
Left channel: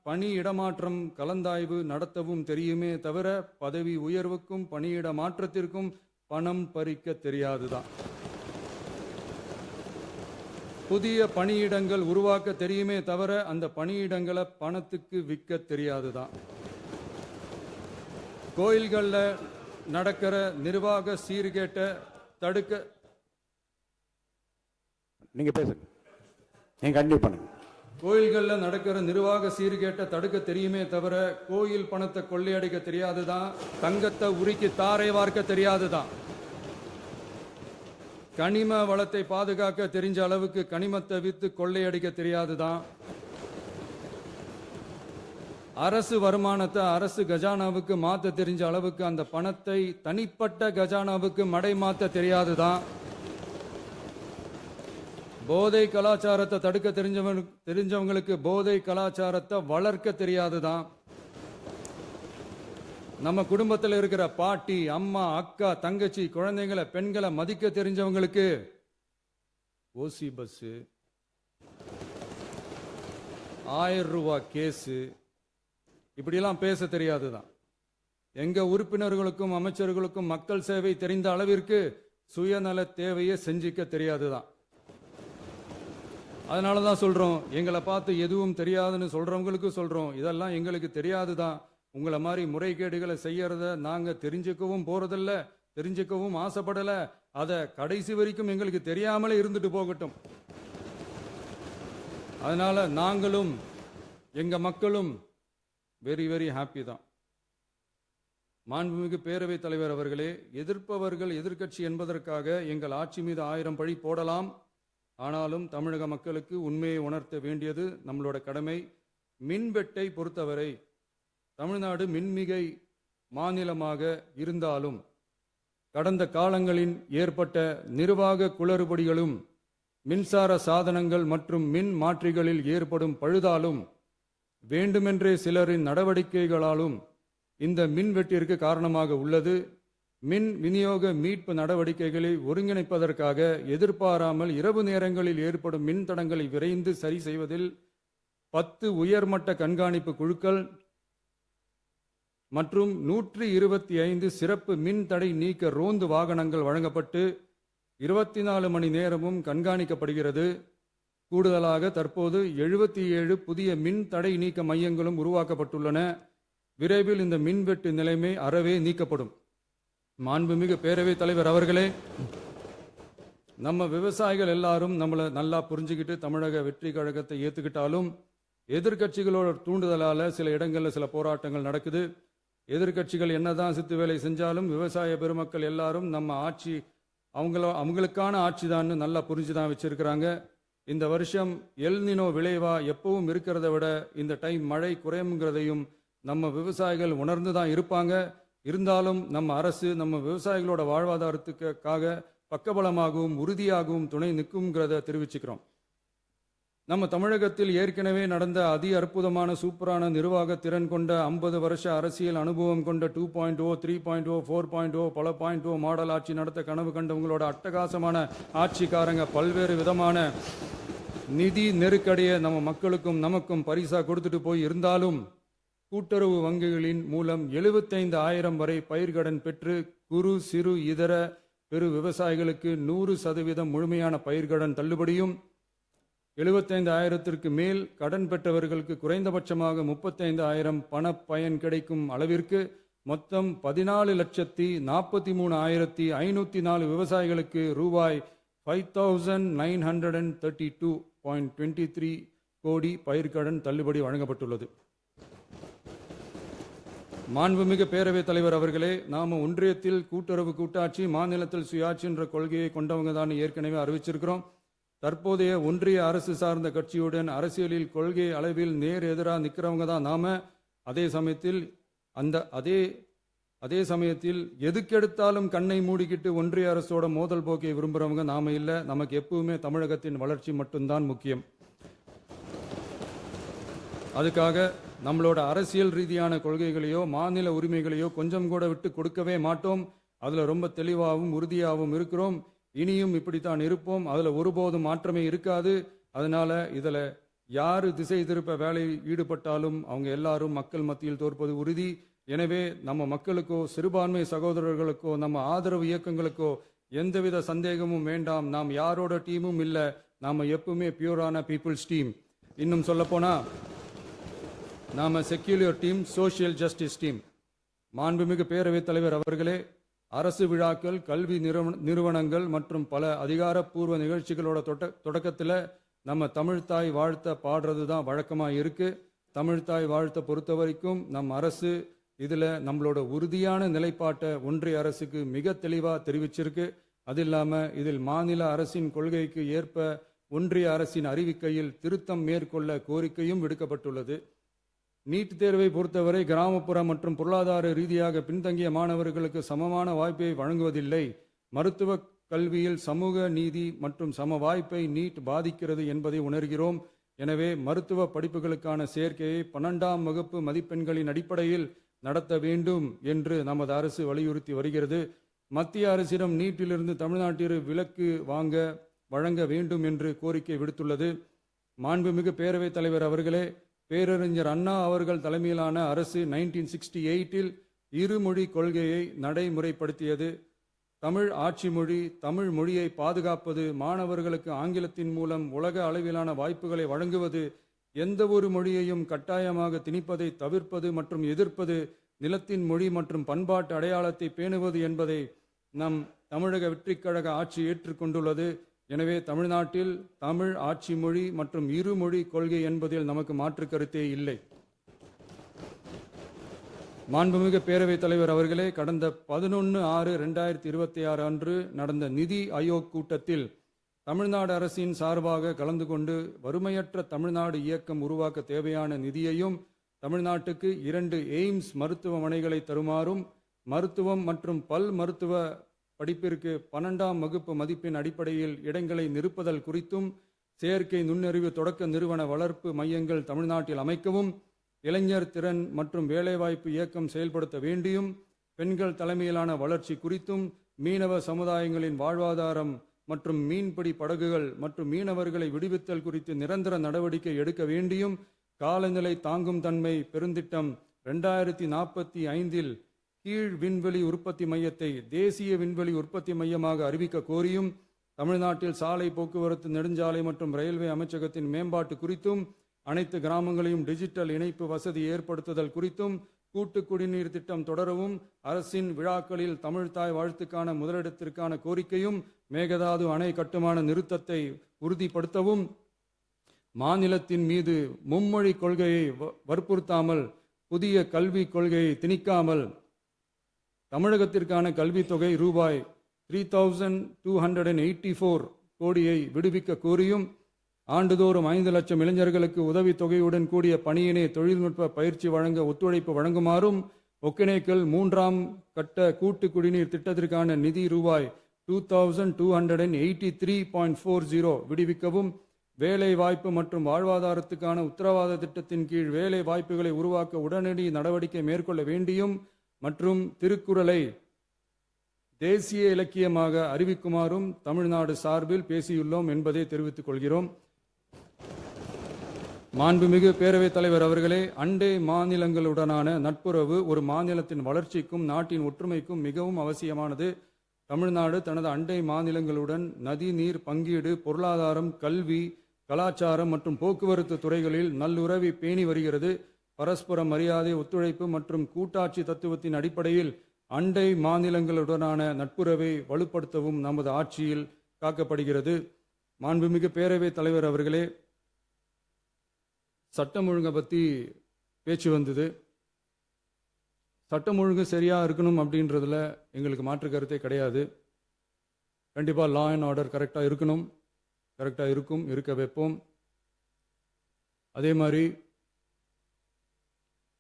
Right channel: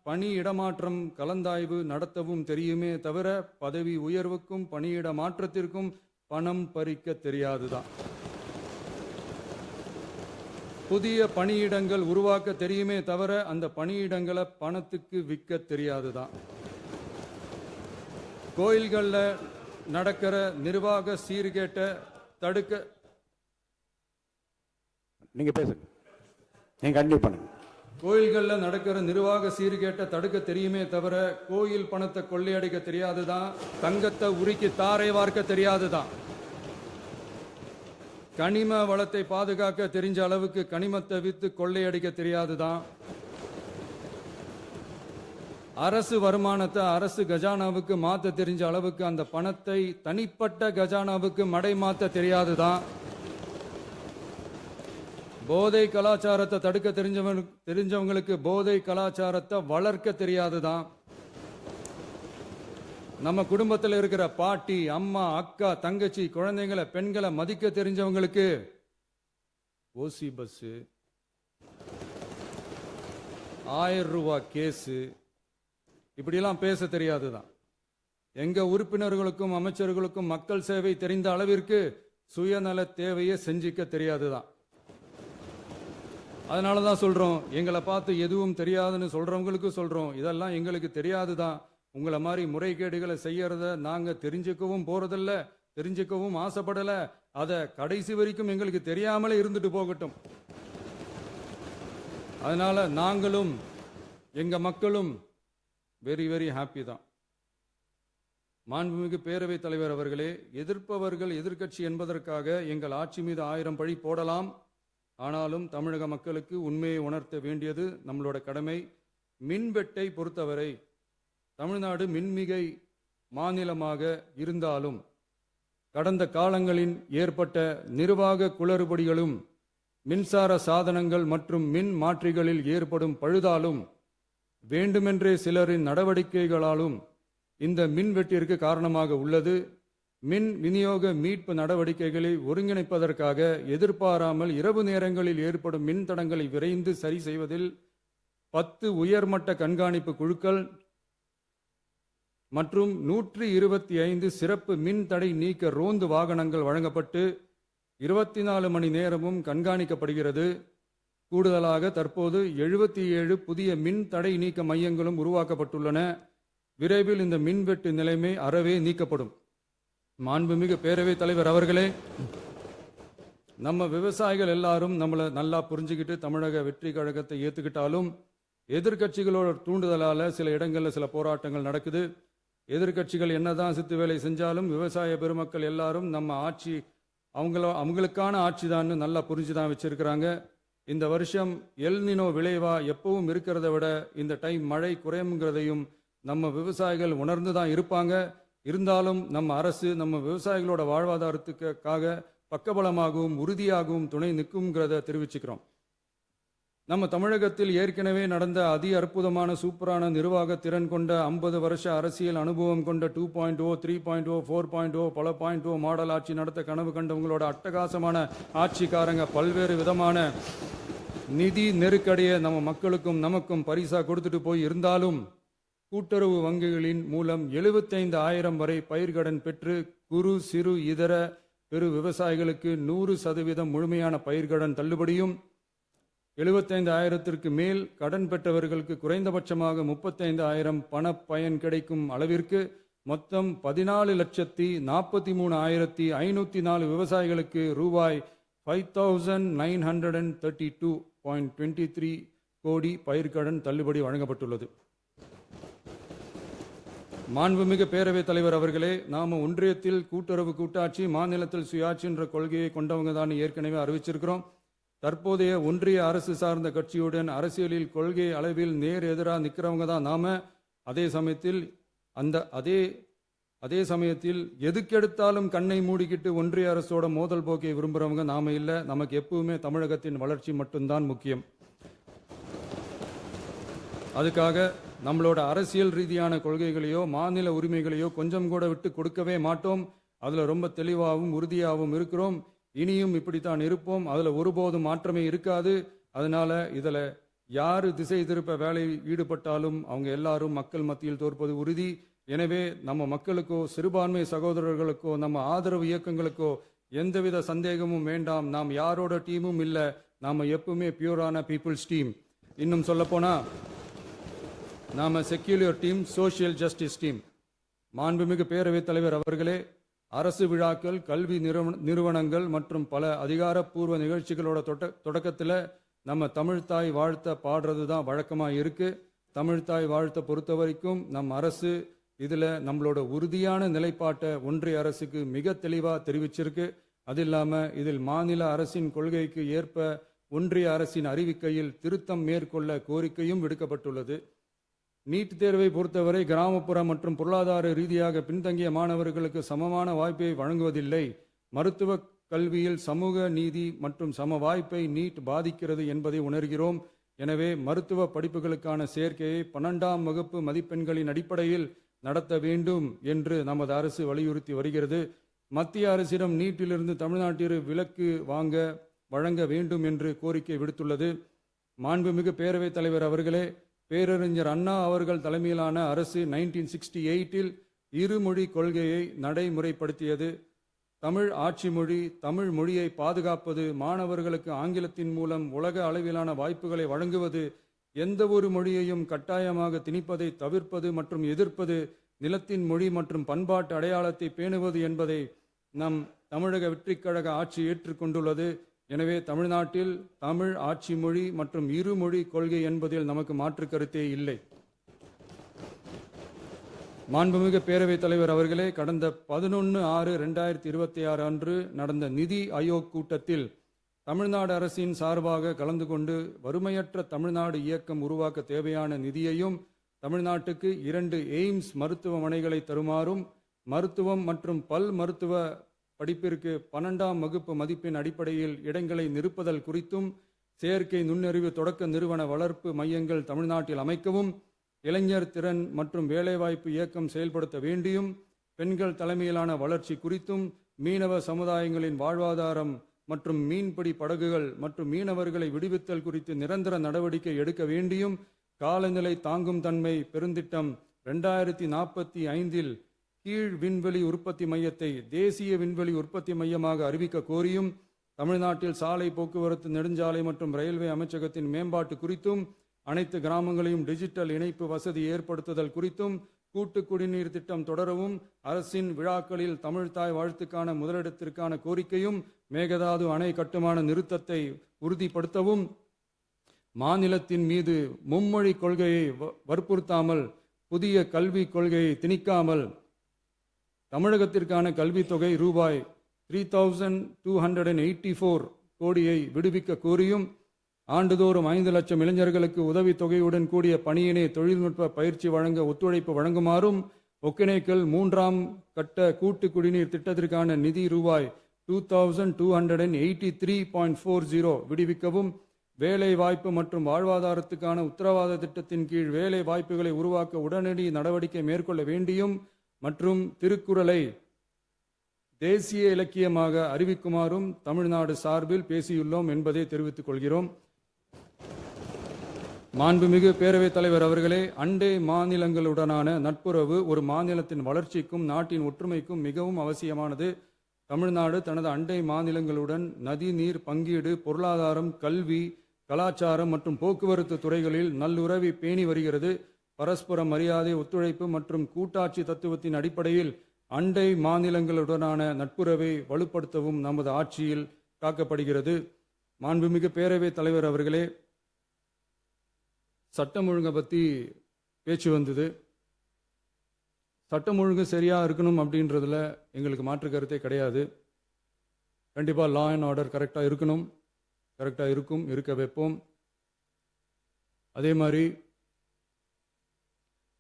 பணி இடமாற்றம் கலந்தாய்வு நடத்தவும் தெரியுமே தவிர பதவி உயர்வுக்கும் பணியிட மாற்றத்திற்கும் பணம் பறிக்க தெரியாதுதான். புதிய பணியிடங்கள் உருவாக்க தெரியுமே தவிர அந்த பணியிடங்களை பணத்துக்கு விற்க தெரியாதுதான். கோயில்கள்ல நடக்கிற நிர்வாக சீர்கேட்டை தடுக்க நீங்க பேசுங்க, நீங்க கண்டிப்பா பண்ணுங்க. கோயில்கள்ல நடக்கிற நிர்வாக சீர்கேட்டை தடுக்க தெரியுமே தவிர கோயில் பணத்தை கொள்ளையடிக்க தெரியாதுதான். தங்கத்தை உருக்கி தாரை வார்க்க தெரியாதுதான். கனிம வளத்தை பாதுகாக்க தெரிஞ்ச அளவுக்கு கனிமத்தை வித்து கொள்ளையடிக்க தெரியாதுதான். அரசு வருமானத்தை அரசு கஜானாவுக்கு மாத்த தெரிஞ்ச அளவுக்கு அந்த பணத்தை தனிப்பட்ட கஜானாவுக்கு மடை மாத்த தெரியாதுதான். போதை கலாச்சாரத்தை தடுக்க தெரிஞ்சவங்களுக்கு போதை கலாச்சாரத்தை வளர்க்க தெரியாதுதான். நம்ம குடும்பத்தில் இருக்கிற பாட்டி, அம்மா, அக்கா, தங்கச்சி, குழந்தைங்களை, பெண்களை மதிக்க தெரிஞ்சவங்களுக்கு ஓசி பஸ், 1000 ரூபாய் கேஸ், இப்படியெல்லாம் பேச தெரியாதுதான். எங்க உறுப்பினர்களுக்கும் அமைச்சர்களுக்கும் மக்கள் சேவை தெரிந்த அளவிற்கு சுயநல தேவையை செஞ்சிக்க தெரியாதுதான். அதனாலதான் சொல்றோம், எங்களை பார்த்து எதுவும் தெரியாதுன்னு சொல்றவங்களுக்கு சொல்றோம், இதெல்லாம் எங்களுக்கு தெரியாதுதான். உங்களை மாதிரி முறைகேடுகளை செய்யறத நாங்க தெரிஞ்சுக்கவும் போறதில்ல, தெரிஞ்சுக்கவும் ஆசைப்படல. அத கடைசி வரைக்கும் எங்களுக்கு தெரியாமலே இருந்துட்டு போகட்டும். அதனால நாங்களும் எங்க மக்களும் வெரி வெரி ஹாப்பி தான். மாண்புமிகு பேரவைத் தலைவர் அவர்களே, எதிர்ப்பவர்கள் எதிர்க்கட்சி என்பதற்காக எங்கள் ஆட்சி மீது 1000 பழி போடலாம். ஆனாலும் தமிழக மக்களுக்கு உண்மையை உணர்த்த வேண்டியது நம்மளோட கடமை. மின்வெட்டை பொறுத்தவரை தமிழ்நாடு மின்மிகை மாநிலமாக இருந்தாலும் கடந்த காலங்களில் ஏற்பட்ட நிர்வாக குளறுபடிகளும் மின்சார சாதனங்கள் மற்றும் மின் மாற்றிகளில் ஏற்படும் பழுதாலும் வேண்டுமென்றே சிலரின் நடவடிக்கைகளாலும் இந்த மின்வெட்டிற்கு காரணமாக உள்ளது. மின் விநியோக மீட்பு நடவடிக்கைகளை ஒருங்கிணைப்பதற்காக எதிர்பாராமல் இரவு நேரங்களில் ஏற்படும் மின் தடங்களை விரைந்து சரி செய்வதில் 10 உயர்மட்ட கண்காணிப்பு குழுக்கள் மற்றும் 125 சிறப்பு மின் தடை நீக்க ரோந்து வாகனங்கள் வழங்கப்பட்டு 24 மணி நேரமும் கண்காணிக்கப்படுகிறது. கூடுதலாக தற்போது 77 புதிய மின் தடை நீக்க மையங்களும் உருவாக்கப்பட்டுள்ளன. விரைவில் இந்த மின்வெட்டு நிலைமை அறவே நீக்கப்படும். மாண்புமிகு பேரவைத் தலைவர் அவர்களே, நம்ம விவசாயிகள் எல்லாரும் நம்மளை நல்லா புரிஞ்சுக்கிட்டு தமிழக வெற்றி கழகத்தை ஏத்துக்கிட்டாலும் எதிர்க்கட்சிகளோட தூண்டுதலால சில இடங்கள்ல சில போராட்டங்கள் நடக்குது. எதிர்க்கட்சிகள் என்னதான் சித்து வேலை செஞ்சாலும் விவசாய பெருமக்கள் எல்லாரும் நம்ம ஆட்சி அவங்களுக்கான ஆட்சி தான் நல்லா புரிஞ்சுதான் வச்சிருக்கிறாங்க. இந்த வருஷம் எல்னினோ விளைவா எப்பவும் இருக்கிறத விட இந்த டைம் மழை குறையுங்கிறதையும் நம்ம விவசாயிகள் உணர்ந்துதான் இருப்பாங்க. இருந்தாலும் நம்ம அரசு நம்ம விவசாயிகளோட வாழ்வாதாரத்துக்காக பக்கபலமாகவும் உறுதியாகவும் துணை நிற்கும்ங்கிறத தெரிவிச்சுக்கிறோம். நம்ம தமிழகத்தில் ஏற்கனவே நடந்த அதி அற்புதமான சூப்பரான நிர்வாக திறன் கொண்ட 50 வருஷ அரசியல் அனுபவம் கொண்ட 2.0, 3.0, 4.0 பல 0.0 மாடல் ஆட்சி நடத்த கனவு கண்டவங்களோட அட்டகாசமான ஆட்சிக்காரங்க பல்வேறு விதமான நிதி நெருக்கடியை நம்ம மக்களுக்கும் நமக்கும் பரிசா கொடுத்துட்டு போய் இருந்தாலும் கூட்டுறவு வங்கிகளின் மூலம் 75,000 வரை பயிர்கடன் பெற்று குறு சிறு இதர பெரு விவசாயிகளுக்கு 100% முழுமையான பயிர்கடன் தள்ளுபடியும் 75,000க்கு மேல் கடன் பெற்றவர்களுக்கு குறைந்தபட்சமாக 35,000 பண பயன் கிடைக்கும் அளவிற்கு மொத்தம் 14,43,504 விவசாயிகளுக்கு ரூபாய் 5,932.23 கோடி பயிர்கடன் தள்ளுபடி வழங்கப்பட்டுள்ளது. மாண்புமிகு பேரவைத் தலைவர் அவர்களே, நாம ஒன்றியத்தில் கூட்டுறவு கூட்டாட்சி, மாநிலத்தில் சுயாட்சி என்ற கொள்கையை கொண்டவங்க தான் ஏற்கனவே அறிவிச்சிருக்கிறோம். தற்போதைய ஒன்றிய அரசு சார்ந்த கட்சியுடன் அரசியலில் கொள்கை அளவில் நேர் எதிராக நிற்கிறவங்க தான் நாம. அதே சமயத்தில் எதுக்கெடுத்தாலும் கண்ணை மூடிக்கிட்டு ஒன்றிய அரசோட மோதல் போக்கை விரும்புறவங்க நாம இல்ல. நமக்கு எப்பவுமே தமிழகத்தின் வளர்ச்சி மட்டும்தான் முக்கியம். அதுக்காக நம்மளோட அரசியல் ரீதியான கொள்கைகளையோ மாநில உரிமைகளையோ கொஞ்சம் கூட விட்டு கொடுக்கவே மாட்டோம். அதுல ரொம்ப தெளிவாகவும் உறுதியாகவும் இருக்கிறோம். இனியும் இப்படித்தான் இருப்போம். அதுல ஒருபோதும் மாற்றமே இருக்காது. அதனால இதுல யாரு திசை திருப்ப வேலையில் ஈடுபட்டாலும் அவங்க எல்லாரும் மக்கள் மத்தியில் தோற்பது உறுதி. எனவே நம்ம மக்களுக்கோ சிறுபான்மை சகோதரர்களுக்கோ நம்ம ஆதரவு இயக்கங்களுக்கோ எந்தவித சந்தேகமும் வேண்டாம். நாம் யாரோட டீமும் இல்ல. நாம எப்பவுமே பியூரான பீப்புள்ஸ் டீம். இன்னும் சொல்ல போனா நாம secular team, social justice team. மாண்புமிகு பேரவைத் தலைவர் அவர்களே, அரசு விழாக்கள், கல்வி நிறுவனங்கள் மற்றும் பல அதிகாரப்பூர்வ நிகழ்ச்சிகளோட தொடக்கத்தில் நம்ம தமிழ்தாய் வாழ்த்த பாடுறது தான் வழக்கமா இருக்கு. தமிழ்தாய் வாழ்த்த பொறுத்த வரைக்கும் நம் அரசு இதுல நம்மளோட உறுதியான நிலைப்பாட்டை ஒன்றிய அரசுக்கு மிக தெளிவா தெரிவிச்சிருக்கு. அது இல்லாம இதில் மாநில அரசின் கொள்கைக்கு ஏற்ப ஒன்றிய அரசின் அறிவிக்கையில் திருத்தம் மேற்கொள்ள கோரிக்கையும் விடுக்கப்பட்டுள்ளது. நீட் தேர்வை பொறுத்தவரை கிராமப்புற மற்றும் பொருளாதார ரீதியாக பின்தங்கிய மாணவர்களுக்கு சமமான வாய்ப்பை வழங்குவதில்லை. மருத்துவ கல்வியில் சமூக நீதி மற்றும் சம வாய்ப்பை நீட் பாதிக்கிறது என்பதை உணர்கிறோம். எனவே மருத்துவ படிப்புகளுக்கான சேர்க்கையை 12ஆம் வகுப்பு மதிப்பெண்களின் அடிப்படையில் நடத்த வேண்டும் என்று நமது அரசு வலியுறுத்தி வருகிறது. மத்திய அரசிடம் நீட்டிலிருந்து தமிழ்நாட்டிற்கு விலக்கு வழங்க வேண்டும் என்று கோரிக்கை விடுத்துள்ளது. மாண்புமிகு பேரவைத் தலைவர் அவர்களே, பேரறிஞர் அண்ணா அவர்கள் தலைமையிலான அரசு 1968இல் இருமொழி கொள்கையை நடைமுறைப்படுத்தியது. தமிழ் ஆட்சி மொழி, தமிழ் மொழியை பாதுகாப்பது, மாணவர்களுக்கு ஆங்கிலத்தின் மூலம் உலக அளவிலான வாய்ப்புகளை வழங்குவது, எந்த ஒரு மொழியையும் கட்டாயமாக திணிப்பதை தவிர்ப்பது மற்றும் எதிர்ப்பது, நிலத்தின் மொழி மற்றும் பண்பாட்டு அடையாளத்தை பேணுவது என்பதை நம் தமிழக வெற்றிக் கழக ஆட்சி ஏற்றுக்கொண்டுள்ளது. எனவே தமிழ்நாட்டில் தமிழ் ஆட்சி மொழி மற்றும் இருமொழி கொள்கை என்பதில் நமக்கு மாற்று கருத்தே இல்லை. மாண்புமிகு பேரவைத் தலைவர் அவர்களே, கடந்த 11/6/2026 அன்று நடந்த நிதி ஆயோக் கூட்டத்தில் தமிழ்நாடு அரசின் சார்பாக கலந்து கொண்டு வறுமையற்ற தமிழ்நாடு இயக்கம் உருவாக்க தேவையான நிதியையும், தமிழ்நாட்டுக்கு 2 எய்ம்ஸ் மருத்துவமனைகளை தருமாறும், மருத்துவம் மற்றும் பல் மருத்துவ படிப்பிற்கு 12ஆம் வகுப்பு மதிப்பெண் அடிப்படையில் இடங்களை நிரப்புதல் குறித்தும், செயற்கை நுண்ணறிவு தொடக்க நிறுவன வளர்ப்பு மையங்கள் தமிழ்நாட்டில் அமைக்கவும், இளைஞர் திறன் மற்றும் வேலைவாய்ப்பு இயக்கம் செயல்படுத்த வேண்டியும், பெண்கள் தலைமையிலான வளர்ச்சி குறித்தும், மீனவ சமுதாயங்களின் வாழ்வாதாரம் மற்றும் மீன்பிடி படகுகள் மற்றும் மீனவர்களை விடுவித்தல் குறித்து நிரந்தர நடவடிக்கை எடுக்க வேண்டியும், காலநிலை தாங்கும் தன்மை பெருந்திட்டம் 2045 கீழ் விண்வெளி உற்பத்தி மையத்தை தேசிய விண்வெளி உற்பத்தி மையமாக அறிவிக்க கோரியும், தமிழ்நாட்டில் சாலை போக்குவரத்து, நெடுஞ்சாலை மற்றும் ரயில்வே அமைச்சகத்தின் மேம்பாட்டு குறித்தும், அனைத்து கிராமங்களையும் டிஜிட்டல் இணைப்பு வசதி ஏற்படுத்துதல் குறித்தும், கூட்டு குடிநீர் திட்டம் தொடரவும், அரசின் விழாக்களில் தமிழ்தாய் வாழ்த்துக்கான முதலிடத்திற்கான கோரிக்கையும், மேகதாது அணை கட்டுமான நிறுத்தத்தை உறுதிப்படுத்தவும், மாநிலத்தின் மீது மும்மொழி கொள்கையை வற்புறுத்தாமல் புதிய கல்விக் கொள்கையை திணிக்காமல் தமிழகத்திற்கான கல்வித் தொகை ரூபாய் 3284 கோடியை விடுவிக்க கோரியும், ஆண்டுதோறும் 5 லட்சம் இளைஞர்களுக்கு உதவித் தொகையுடன் கூடிய பணியினை தொழில்நுட்ப பயிற்சி வழங்க ஒத்துழைப்பு வழங்குமாறும், ஒகேனக்கல் 3ஆம் கட்ட கூட்டு குடிநீர் திட்டத்திற்கான நிதி ரூபாய் 2283.40 விடுவிக்கவும், வேலை வாய்ப்பு மற்றும் வாழ்வாதாரத்துக்கான உத்தரவாத திட்டத்தின் கீழ் வேலை வாய்ப்புகளை உருவாக்க உடனடி நடவடிக்கை மேற்கொள்ள வேண்டியும் மற்றும் திருக்குறளை தேசிய இலக்கியமாக அறிவிக்குமாறும் தமிழ்நாடு சார்பில் பேசியுள்ளோம் என்பதை தெரிவித்துக் கொள்கிறோம். மாண்புமிகு பேரவைத் தலைவர் அவர்களே, அண்டை மாநிலங்களுடனான நட்புறவு ஒரு மாநிலத்தின் வளர்ச்சிக்கும் நாட்டின் ஒற்றுமைக்கும் மிகவும் அவசியமானது. தமிழ்நாடு தனது அண்டை மாநிலங்களுடன் நதி நீர் பங்கீடு, பொருளாதாரம், கல்வி, கலாச்சாரம் மற்றும் போக்குவரத்து துறைகளில் நல்லுறவை பேணி வருகிறது. பரஸ்பர மரியாதை, ஒத்துழைப்பு மற்றும் கூட்டாட்சி தத்துவத்தின் அடிப்படையில் அண்டை மாநிலங்களுடனான நட்புறவை வலுப்படுத்தவும் நமது ஆட்சியில் காக்கப்படுகிறது. மாண்புமிகு பேரவைத் தலைவர் அவர்களே, சட்டம் ஒழுங்கை பற்றி பேச்சு வந்தது. சட்டம் ஒழுங்கு சரியா இருக்கணும் அப்படின்றதுல எங்களுக்கு மாற்று கருத்தே கிடையாது. கண்டிப்பாக லா அண்ட் ஆர்டர் கரெக்டாக இருக்கணும், கரெக்டாக இருக்கும், இருக்க வைப்போம். அதே மாதிரி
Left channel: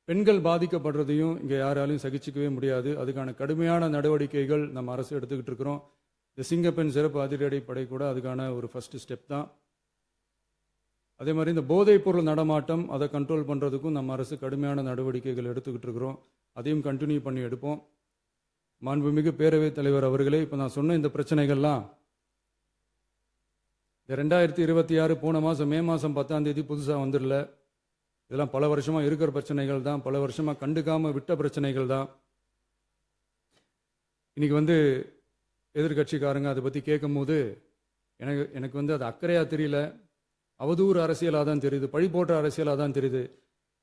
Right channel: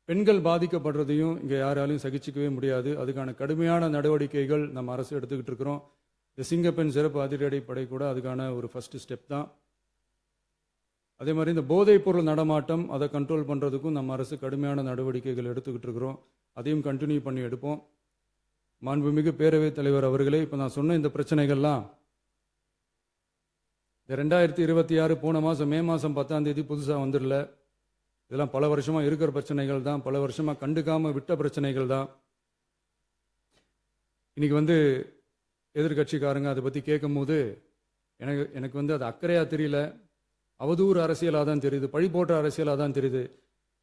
பெண்கள் பாதிக்கப்படுறதையும் இங்கே யாராலையும் சகிச்சிக்கவே முடியாது. அதுக்கான கடுமையான நடவடிக்கைகள் நம்ம அரசு எடுத்துக்கிட்டு இருக்கிறோம். இந்த சிங்கப்பெண் சிறப்பு அதிரடி படை கூட அதுக்கான ஒரு ஃபர்ஸ்ட் ஸ்டெப் தான். அதே மாதிரி இந்த போதைப் பொருள் நடமாட்டம், அதை கண்ட்ரோல் பண்ணுறதுக்கும் நம்ம அரசு கடுமையான நடவடிக்கைகள் எடுத்துக்கிட்டு இருக்கிறோம். அதையும் கண்டினியூ பண்ணி எடுப்போம். மாண்புமிகு பேரவைத் தலைவர் அவர்களே, இப்போ நான் சொன்ன இந்த பிரச்சனைகள்லாம் 2026 போன மாதம் மே மாதம் 10ஆம் தேதி புதுசாக வந்துடல. இதெல்லாம் பல வருஷமா இருக்கிற பிரச்சனைகள் தான், பல வருஷமா கண்டுக்காம விட்ட பிரச்சனைகள் தான். இன்னைக்கு எதிர்கட்சிக்காரங்க அதை பற்றி கேட்கும் போது எனக்கு அது அக்கறையா தெரியல, அவதூறு அரசியலாக தான் தெரியுது, பழி போடுற அரசியலாக தான் தெரியுது.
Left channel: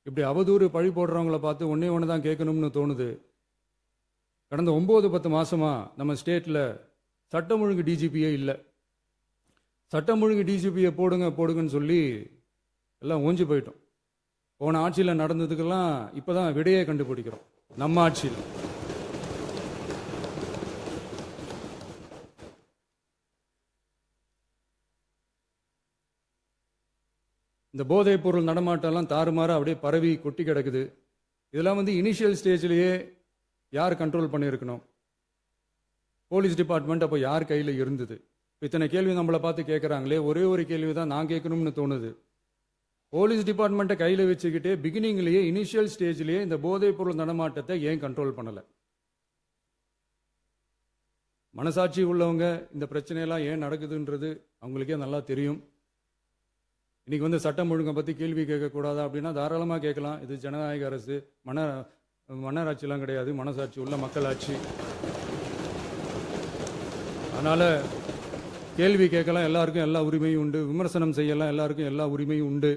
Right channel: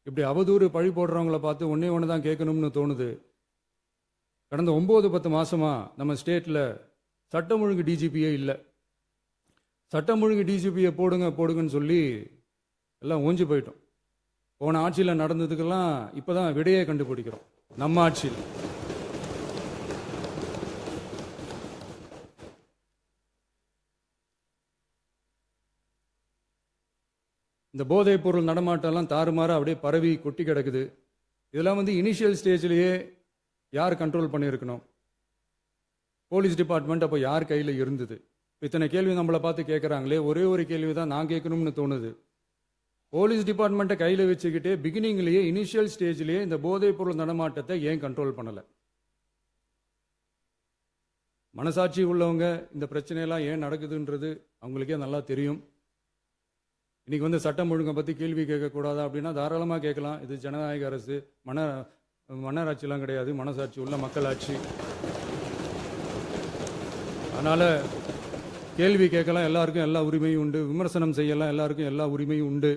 இப்படி அவதூறு பழி போடுறவங்கள பார்த்து ஒன்று தான் கேட்கணும்னு தோணுது. கடந்த 9-10 மாசமா நம்ம ஸ்டேட்ல சட்டம் ஒழுங்கு டிஜிபியே இல்லை. சட்டம் ஒழுங்கு டிஜிபியை போடுங்கன்னு சொல்லி எல்லாம் ஓஞ்சி போயிட்டோம். போன ஆட்சியில் நடந்ததுக்கெல்லாம் இப்பதான் விடையே கண்டுபிடிக்கிறோம் நம்ம ஆட்சியில். இந்த போதைப் பொருள் நடமாட்டம்லாம் தாறுமாறா அப்படியே பரவி கொட்டி கிடக்குது. இதெல்லாம் இனிஷியல் ஸ்டேஜ்லயே யார் கண்ட்ரோல் பண்ணியிருக்கணும்? போலீஸ் டிபார்ட்மெண்ட் அப்போ யார் கையில் இருந்தது? இத்தனை கேள்வி நம்மளை பார்த்து கேட்குறாங்களே, ஒரே ஒரு கேள்வி தான் நான் கேட்கணும்னு தோணுது. போலீஸ் டிபார்ட்மெண்ட்டை கையில் வச்சுக்கிட்டே பிகினிங்லேயே இனிஷியல் ஸ்டேஜ்லேயே இந்த போதைப் பொருள் நடமாட்டத்தை ஏன் கண்ட்ரோல் பண்ணலை? மனசாட்சி உள்ளவங்க இந்த பிரச்சனையெல்லாம் ஏன் நடக்குதுன்றது அவங்களுக்கே நல்லா தெரியும். இன்னைக்கு சட்டம் ஒழுங்கை பற்றி கேள்வி கேட்கக்கூடாதா அப்படின்னா தாராளமாக கேட்கலாம். இது ஜனநாயக அரசு, மன்னராட்சிலாம் கிடையாது, மனசாட்சி உள்ள மக்களாட்சி. அதனால கேள்வி கேட்கலாம், எல்லாருக்கும் எல்லா உரிமையும் உண்டு. விமர்சனம் செய்யலாம், எல்லாருக்கும் எல்லா உரிமையும் உண்டு.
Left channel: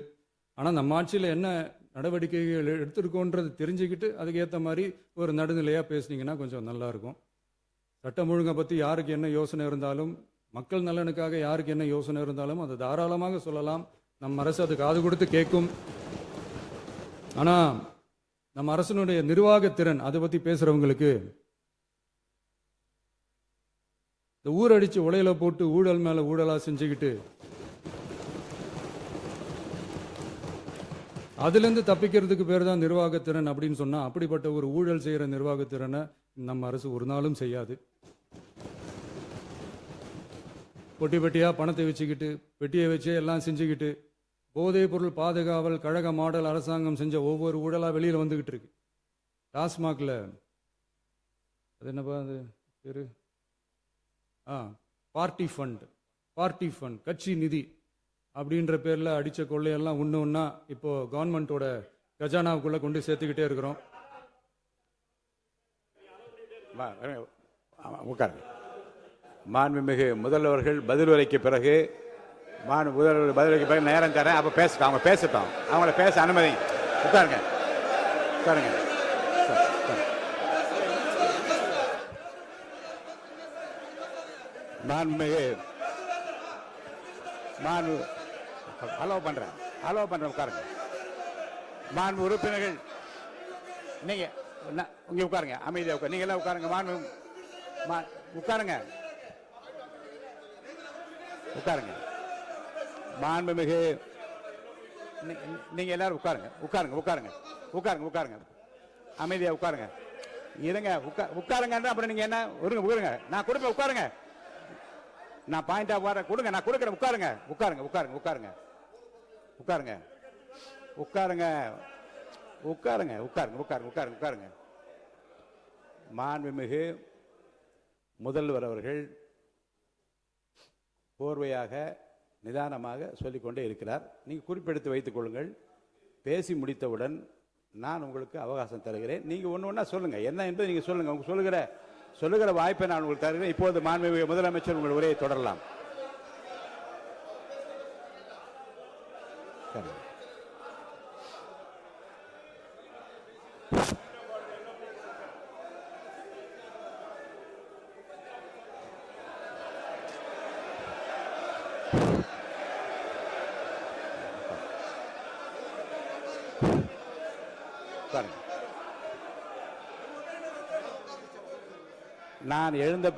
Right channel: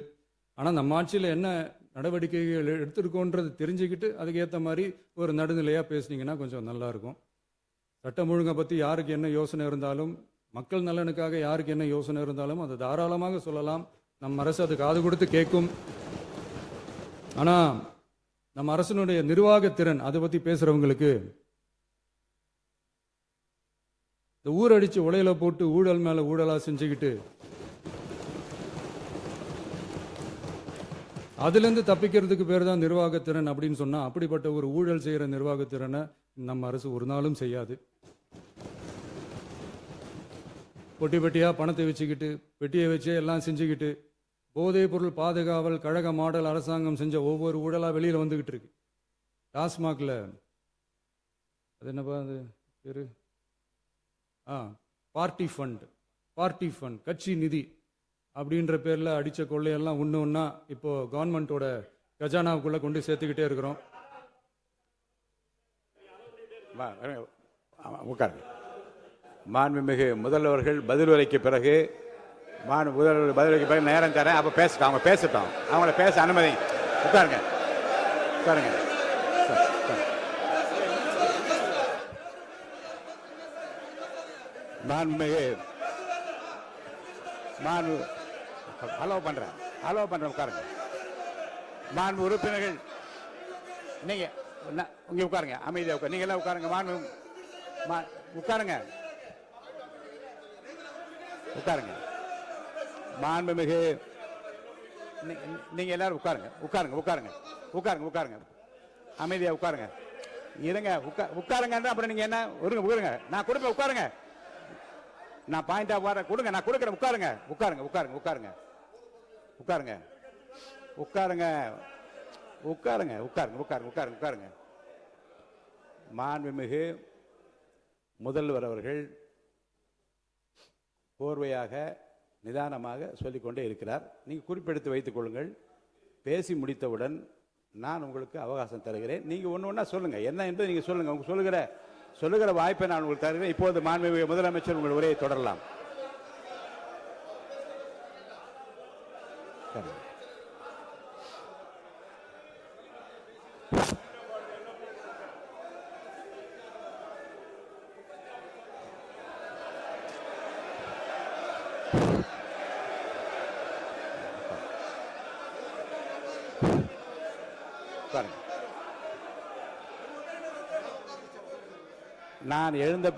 ஆனால் நம்ம ஆட்சியில் என்ன நடவடிக்கைகள் எடுத்திருக்கோன்றது தெரிஞ்சுக்கிட்டு அதுக்கேற்ற மாதிரி ஒரு நடுநிலையாக பேசுனீங்கன்னா கொஞ்சம் நல்லா இருக்கும். சட்டம் ஒழுங்கை பற்றி யாருக்கு என்ன யோசனை இருந்தாலும், மக்கள் நலனுக்காக யாருக்கு என்ன யோசனை இருந்தாலும் அதை தாராளமாக சொல்லலாம். நம்ம அரசு அது காது கொடுத்து கேட்கும். ஆனால் நம்ம அரசினுடைய நிர்வாகத்திறன் அதை பற்றி பேசுறவங்களுக்கு இந்த ஊரடிச்சு உலையில போட்டு ஊழல் மேல ஊழலா செஞ்சுக்கிட்டு அதுலேருந்து தப்பிக்கிறதுக்கு பேர் தான் நிர்வாகத்திறன் அப்படின்னு சொன்னா, அப்படிப்பட்ட ஒரு ஊழல் செய்யற நிர்வாகத்திறனை நம்ம அரசு ஒரு நாளும் செய்யாது. பொட்டி பெட்டியா பணத்தை வச்சுக்கிட்டு, பெட்டியை வச்சு எல்லாம் செஞ்சுக்கிட்டு, போதைப் பொருள் பாதுகாவல் கழக மாடல் அரசாங்கம் செஞ்ச ஒவ்வொரு ஊழலா வெளியில வந்துகிட்டு இருக்கு. டாஸ்மாக்ல அது என்னப்பா அது பேரு, பார்ட்டி ஃபண்ட், கட்சி நிதி அப்படின்ற பேர்ல அடிச்ச கொள்ளையெல்லாம் ஒண்ணு ஒண்ணா இப்போ கவர்மெண்டோட கஜானாவுக்குள்ள கொண்டு சேர்த்துக்கிட்டே இருக்கிறோம். உட்காருங்க. மாண்புமிகு முதல்வர்கள் பதில் உரைக்கு பிறகு முதல்வர் பதில் உரைக்கு பிறகு நேரம் தரேன். அப்ப பேசட்டும், அவங்க பேசட்டும், அவங்கள பேச அனுமதி. உட்காருங்க, உட்காருங்க. மாண்புமிகு அலோவ் பண்றேன் உட்காருங்க. மாண்பு உறுப்பினர்கள் நீங்க இங்க உட்காருங்க, அமைதியா உட்காரு. நீங்க எல்லாம் உட்காருங்க. உட்காருங்க, உட்காருங்க. மாண்புமிகு நீங்க எல்லாரும் உட்காருங்க, உட்காருங்க, உட்காருங்க, உட்காருங்க, உட்காருங்க. அமைதியா உட்காருங்க. இருங்க, உட்காருங்க. அப்புறம் நீங்க என்ன உட்காருங்க, நான் கொடுப்பேன். உட்காருங்க, நான் பாயிண்டா கொடுங்க, நான் கொடுக்குறேன். உட்காருங்க, உட்காருங்க, உட்காருங்க, உட்காருங்க, உட்காருங்க, உட்காருங்க, உட்காருங்க, உட்காருங்க, உட்காருங்க, உட்காருங்க, உட்காருங்க. மாண்புமிகு முதல்வர் அவர்கள் போர்வையாக நிதானமாக சொல்லிக்கொண்டே இருக்கிறார். நீங்க குறிப்பெடுத்து வைத்துக் கொள்ளுங்கள். பேசி முடித்தவுடன் நான் உங்களுக்கு அவகாசம் தருகிறேன். நீங்க ஒண்ணு ஒண்ணா சொல்லுங்க, என்ன என்பது நீங்க சொல்லுங்க. உங்க சொல்லுகிற வாய்ப்பை நான் உங்களுக்கு தருகிறேன். இப்போது மாண்புமிகு முதலமைச்சர் உங்கள் உரையை தொடரலாம். நான் எழுந்த